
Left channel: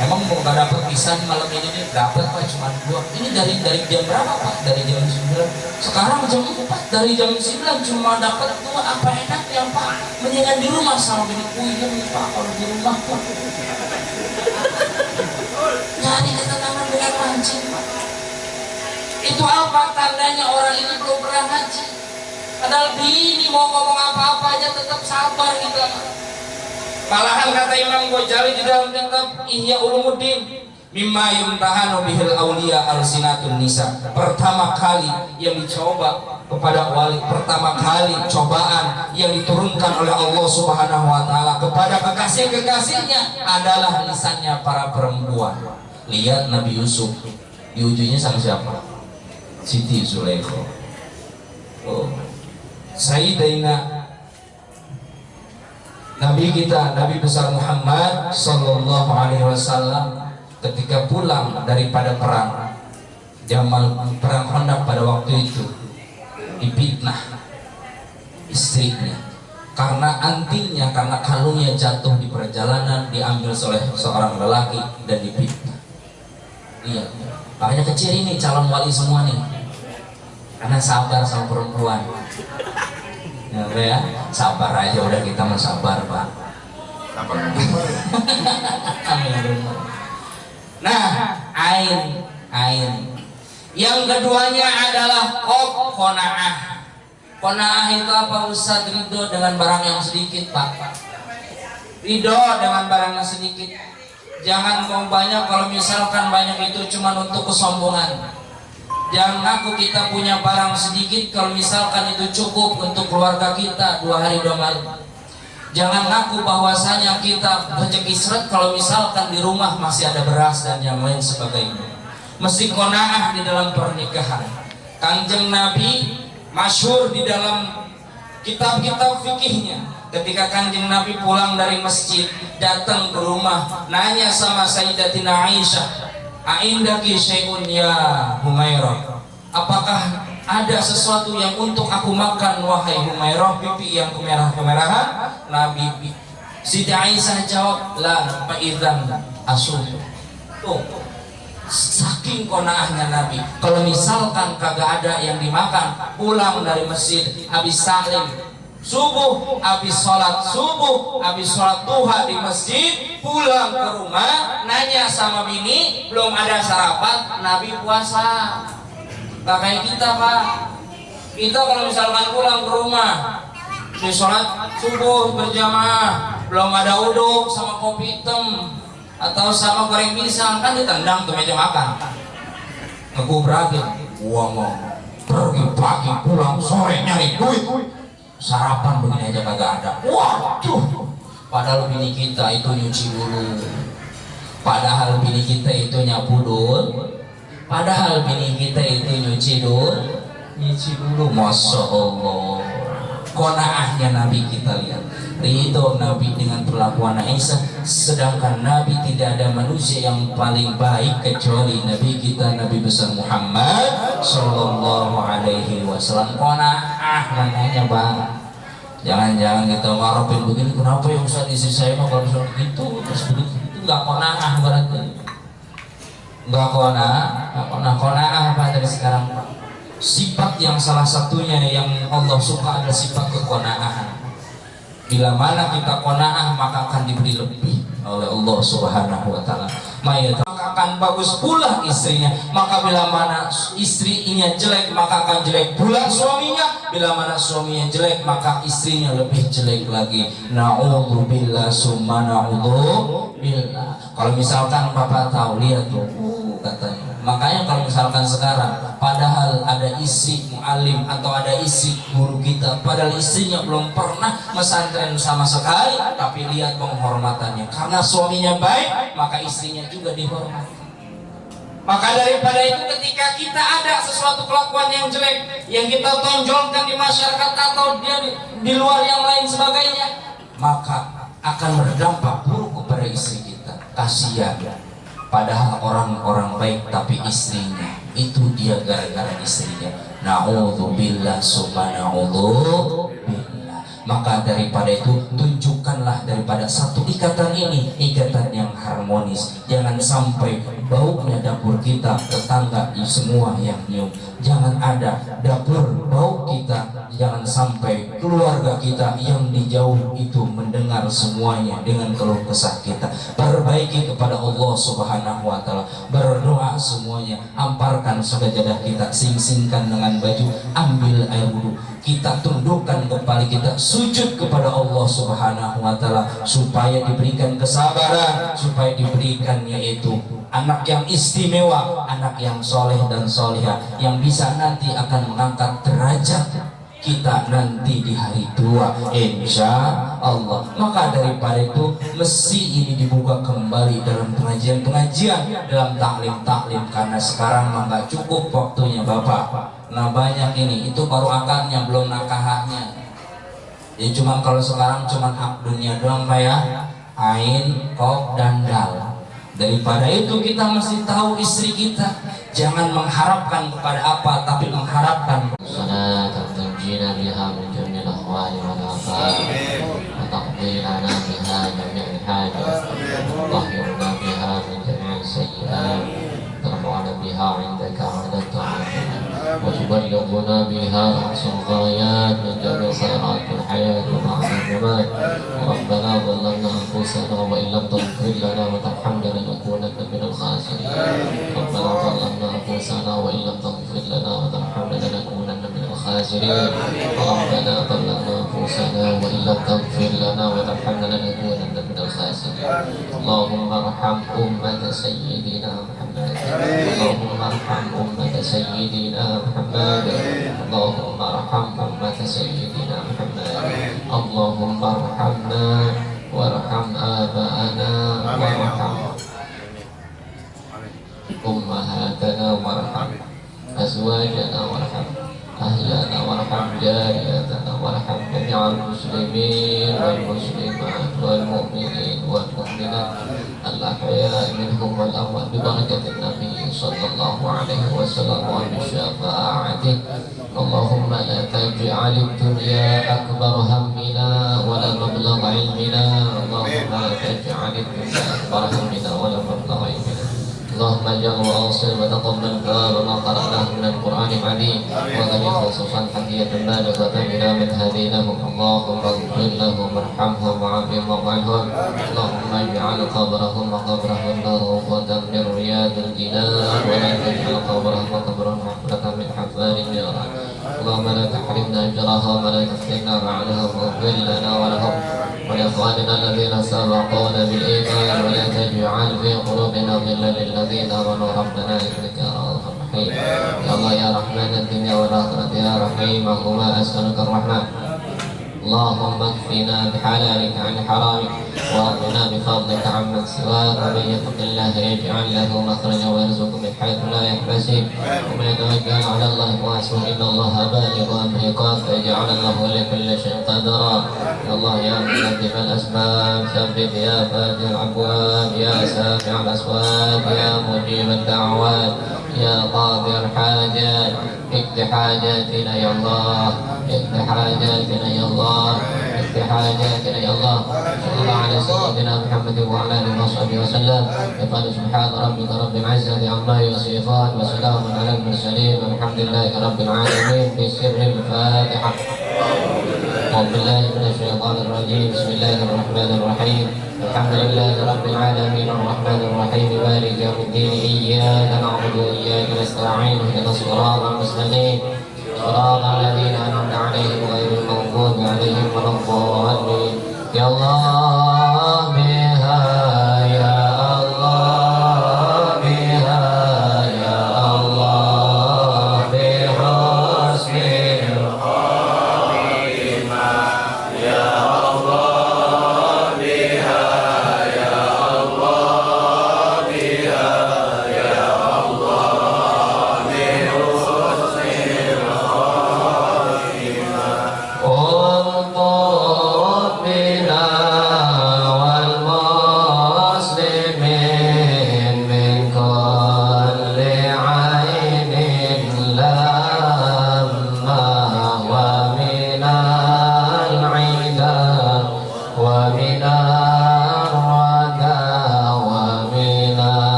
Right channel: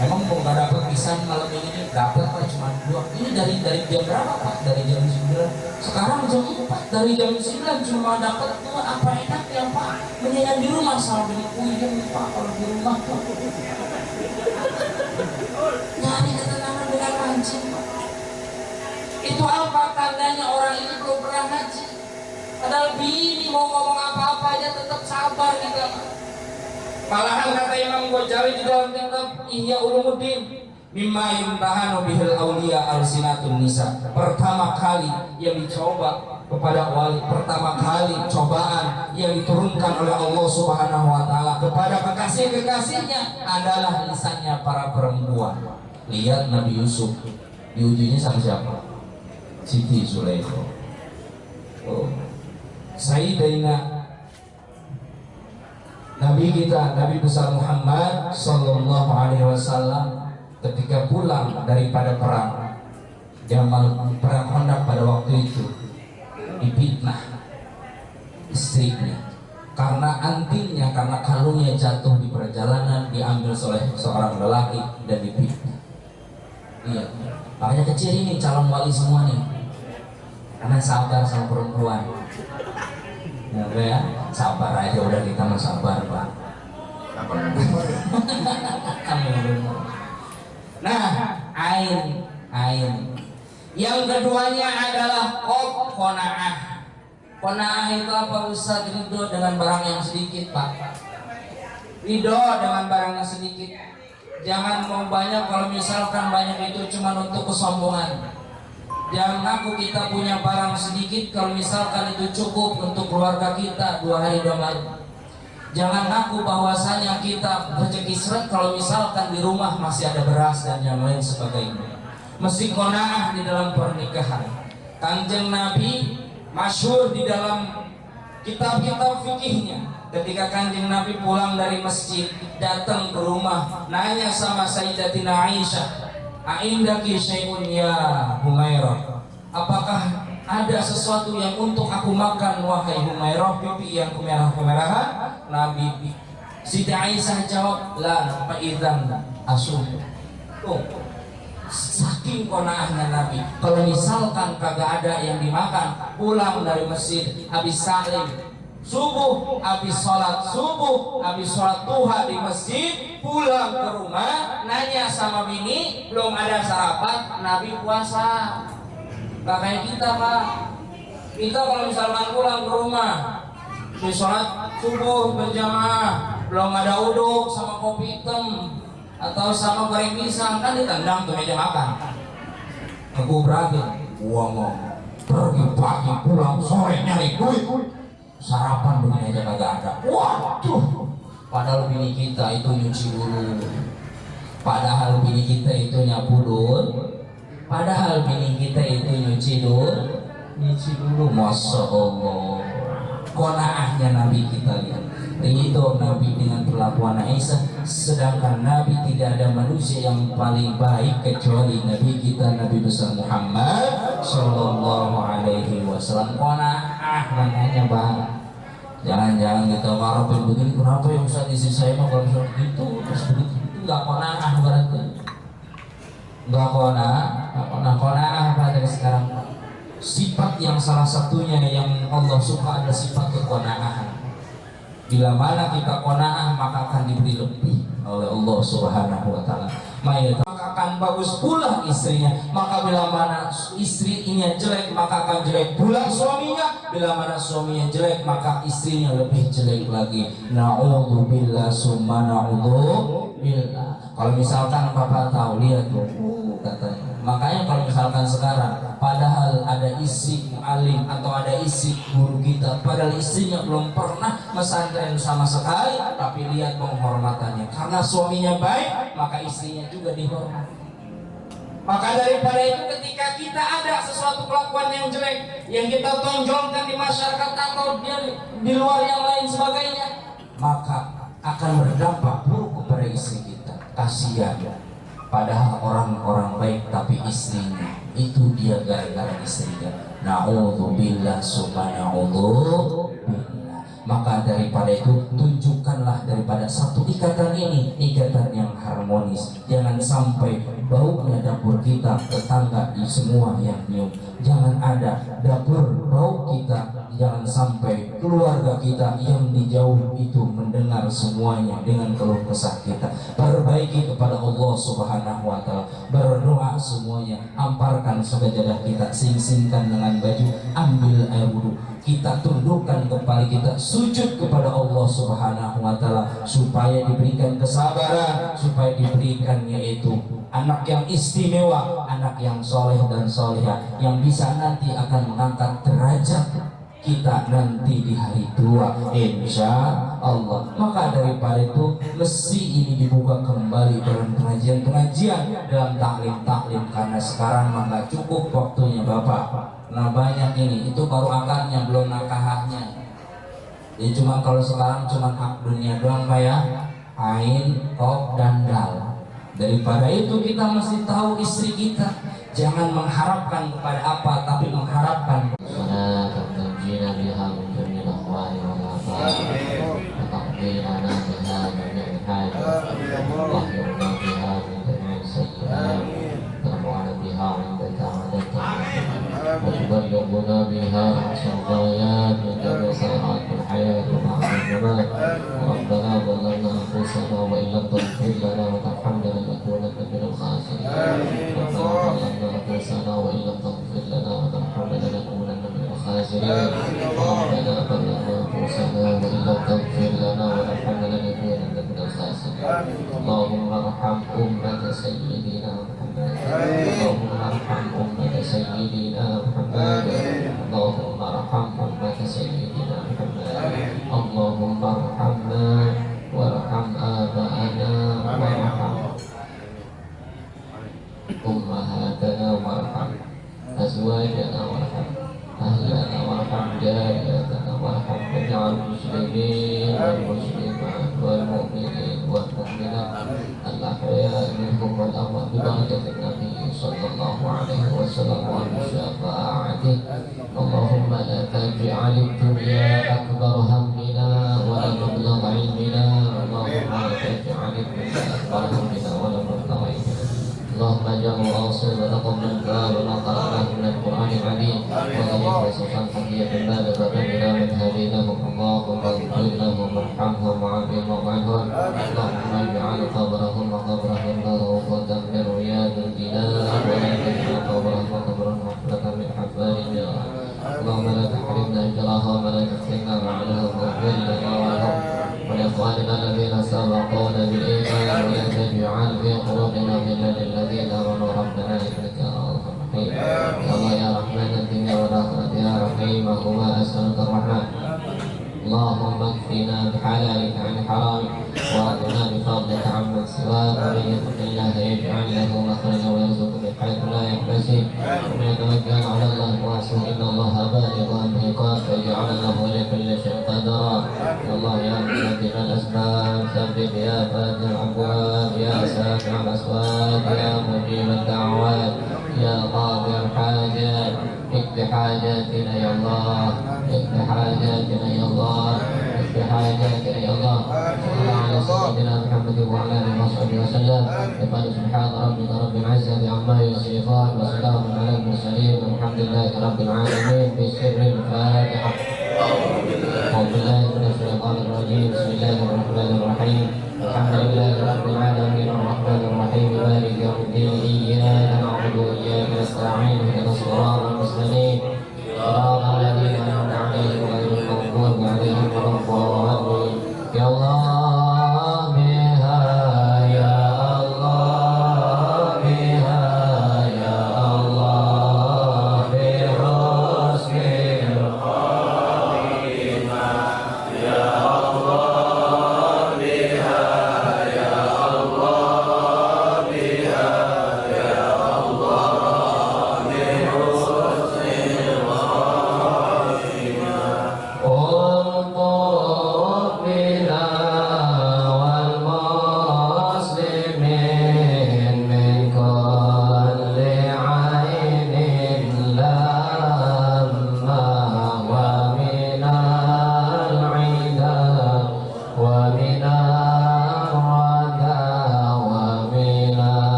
Emang mau gak dapat pisang malam ini nih? Dapat pak, cuma 2. Ini dari jam berapa pak? Dari jam 9. Sekarang jam 4, dari jam 9 cuma dapat 2. Apa enaknya pak? Mendingan di rumah sama bini puyeng pak kalau di rumah pak. Nyari ketenangan dengan mancing pak. Itu apa tandanya orang ini belum pernah haji? Padahal bini mau ngomong apa-apa aja tetap sabar gitu. Malahan kata Imam Ghazali di dalam kitab Ihya Ulumuddin, mimma yumtahanu bihil auliya alsinatun nisa. Pertama kali yang dicoba kepada wali, pertama kali cobaan yang diturunkan oleh Allah Subhanahu wa taala kepada kekasih-kekasihnya adalah lisannya para perempuan. Lihat Nabi Yusuf diujinya sama siapa? Siti Zulaikha. Oh. Sayyidina Nabi kita, Nabi besar Muhammad Sallallahu Alaihi Wasallam ketika pulang daripada perang Jamal, perang Khandaq pada waktu itu, difitnah istrinya karena antingnya, karena kalungnya jatuh di perjalanan, diambil oleh seorang lelaki dan difitnah. Iya, makanya kecil ini calon wali semua nih, karena sabar sama perempuan. Ya, sabar aja udah, kita mau sabar pak. Nah, ain. Yang keduanya adalah qanaah. Qanaah itu apa Ustaz? Ridho dengan barang yang sedikit pak. Ridho dengan barang yang sedikit. Jangan mau banyak, kalau misalkan banyak itu cuma untuk kesombongan. Jangan ngaku kita punya barang sedikit kalau misalkan itu cukup untuk keluarga kita 2 hari 2 malam. Jangan ngaku bahwasanya kita rezeki seret kalau misalkan di rumah masih ada beras dan yang lain sebagainya. Mesti qanaah di dalam pernikahan. Kanjeng Nabi masyhur di dalam kitab-kitab fikihnya, ketika Kanjeng Nabi pulang dari masjid datang ke rumah, nanya sama Sayyidatina Aisyah, "Aindaki syai'un ya Humairah?" Apakah ada sesuatu yang untuk aku makan wahai Humairah, pipi yang kemerah-kemerahan? Nabi Siti Aisyah jawab, "La fa idzan asum." Tuh, saking qanaahnya Nabi, kalau misalkan kagak ada yang dimakan, pulang dari masjid habis salim subuh, habis sholat subuh, habis sholat duha di masjid, pulang ke rumah, nanya sama bini, belum ada sarapan, Nabi puasa. Gak kayak kita pak. Kita kalau misalkan pulang ke rumah, di sholat subuh berjamaah, belum ada uduk sama kopi hitam atau sama goreng pisang, kan ditendang ke meja makan. Ngegubrakin, uang pergi pagi pulang sore nyari duit, sarapan begini aja kagak ada. Waduh, padahal bini kita itu nyuci dulu, padahal bini kita itu nyapu dulu, padahal bini kita itu nyuci dulu. Masya Allah, qanaahnya Nabi kita lihat. Ridho Nabi dengan perlakuan Aisyah, sedangkan Nabi tidak ada manusia yang paling baik kecuali Nabi kita, Nabi besar Muhammad Sallallahu Alaihi Wasallam. Qanaah namanya bang. Jangan-jangan kita ngarepin begini, kenapa ya Ustaz istri saya mah kalau begitu terus begitu, itu nggak qanaah berarti. Nggak qanaah apa dari sekarang pak? Sifat yang salah satunya yang Allah suka adalah sifat keqanaahan. Bila mana kita qanaah maka akan diberi lebih oleh Allah Subhanahu wa taala. Maka akan bagus pula istrinya. Maka bila mana istrinya jelek maka akan jelek pula suaminya. Bila mana suaminya jelek maka istrinya lebih jelek lagi. Na'udzubillah summa na'udzubillah. Kalau misalkan Bapak tahu, lihat tuh katanya. Makanya kalau misalkan sekarang padahal ada istri mu'alim atau ada istri guru kita, padahal istrinya belum pernah pesantren sama sekali, tapi lihat penghormatannya. Karena suaminya baik, maka istrinya juga dihormati. Maka daripada itu, ketika kita ada sesuatu kelakuan yang jelek yang kita tonjolkan di masyarakat atau di luar yang lain sebagainya, maka akan berdampak buruk kepada istri kita. Kasihan. padahal orang-orang baik tapi istrinya itu dia gara-gara istrinya. Na'udzubillah summa na'udzubillah. Maka daripada itu tunjukkanlah daripada satu ikatan ini, ikatan yang harmonis. Jangan sampai baunya dapur kita, tetangga semua yang nyium. Jangan ada dapur bau kita, jangan sampai keluarga kita yang di jauh itu mendengar semuanya dengan keluh kesah kita. Perbaiki kepada Allah Subhanahu wa taala. Berdoa semuanya, amparkan sajadah kita, sing-singkan dengan baju, ambil air wudu. Kita tundukkan kepala kita, sujud kepada Allah Subhanahu wa taala supaya diberikan kesabaran, supaya diberikan yaitu anak yang istimewa, anak yang soleh dan solehah yang bisa nanti akan mengangkat derajat kita nanti di hari tua, insya Allah. Maka daripada itu mesti ini dibuka kembali dalam pengajian-pengajian, dalam taklim-taklim, karena sekarang nggak cukup waktunya Bapak. Nah banyak ini, itu baru akarnya belum nakahnya. Jadi cuma kalau sekarang cuma hak dunia doang Pak ya, ain, kok, dan dal. Daripada itu kita mesti tahu istri kita, jangan mengharapkan kepada apa, tapi mengharapkan تنجينا بها من جميع الأهوال والآفات وتقضي لنا بها جميع الحاجات وطهرنا بها من جميع السيئات ترفعنا بها عندك عند الطاعات وتبلغنا بها أقصى الغايات من جميع خيرات الحياة وبعد الممات. ربنا ظلمنا أنفسنا وإن لم تغفر لنا وترحمنا لنكونن من الخاسرين. ربنا ظلمنا أنفسنا وإن لم تغفر لنا وترحمنا لنكونن من الخاسرين. ربنا ظلمنا أنفسنا وإن لم تغفر لنا وترحمنا لنكونن من الخاسرين. اللهم ارحم أمة سيدنا محمد. اللهم ارحم أمة سيدنا محمد. اللهم ارحم أمة سيدنا محمد. اللهم ارحمنا وارحم آباءنا وارحم أمهاتنا وارحم أزواجنا وارحم أهلنا وارحم جارياتنا وارحم جميع المسلمين والمسلمات والمؤمنين والمؤمنات الأحياء منهم والأموات ببركة النبي صلى الله عليه وسلم وبشفاعته. اللهم لا تجعل الدنيا أكبر همنا ولا مبلغ علمنا. اللهم لا تجعل الدنيا أكبر همنا ولا مبلغ علمنا. اللهم اجعله واصل وتقبل ما قرأناه من القرآن العظيم وغني خصوصا حكية بالغة إلى من هديناهم. اللهم اغفر لهم وارحمهم وعافهم واعف عنهم. اللهم اجعل قبرهم وقبرهم روضة من رياض الجنان ولا تجعل قبرهم وقبرهم حفرة من حفار النيران. اللهم لا تحرمنا أجرهم ولا تفتنا بعدهم واغفر لنا ولهم ولإخواننا الذين سبقونا بالإيمان ولا تجعل في قلوبنا غلا للذين آمنوا ربنا إنك رؤوف رحيم. يا الله يا رحمن الدنيا والآخرة يا رحيمهما أسألك الرحمن. اللهم اكفنا بحلالك عن حرامك واغننا بفضلك عمن سواك. ومن يتق الله يجعل له مخرجا ويرزقه من حيث لا يحتسب. ومن يتوكل على الله وحسبه إن الله بالغ أمره قد فجعل الله لكل شيء قدرا. يا الله يا مقدم الأسباب ثبت يا فاتح الأبواب يا سامع الأصوات يا مجيب الدعوات يا قاضي الحاجات. اقض حاجاتنا يا الله، اقض حاجاتنا يا الله، اقض حاجاتنا يا الله. صلى الله على سيدنا محمد وعلى اله وصحبه وسلم. يقال سبحان ربك رب العزة عما يصفون وسلام على المرسلين والحمد لله رب العالمين. في سر الفاتحة. أعوذ بالله من الشيطان الرجيم. بسم الله الرحمن الرحيم. الحمد لله رب العالمين الرحمن الرحيم مالك يوم الدين. إياك نعبد وإياك نستعين اهدنا الصراط المستقيم صراط الذين أنعمت عليهم غير المغضوب عليهم ولا الضالين. يا الله بها يا الله بها يا الله بحسن الخاتمة يا الله بها يا الله بها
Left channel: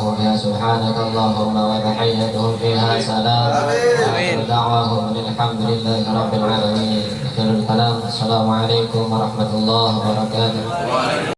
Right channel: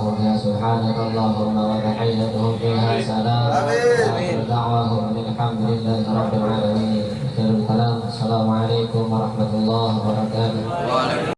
دعواهم فيها سبحانك اللهم وتحيتهم فيها سلام وآخر دعواهم الحمد لله رب العالمين. آخر الكلام السلام عليكم ورحمة الله وبركاته.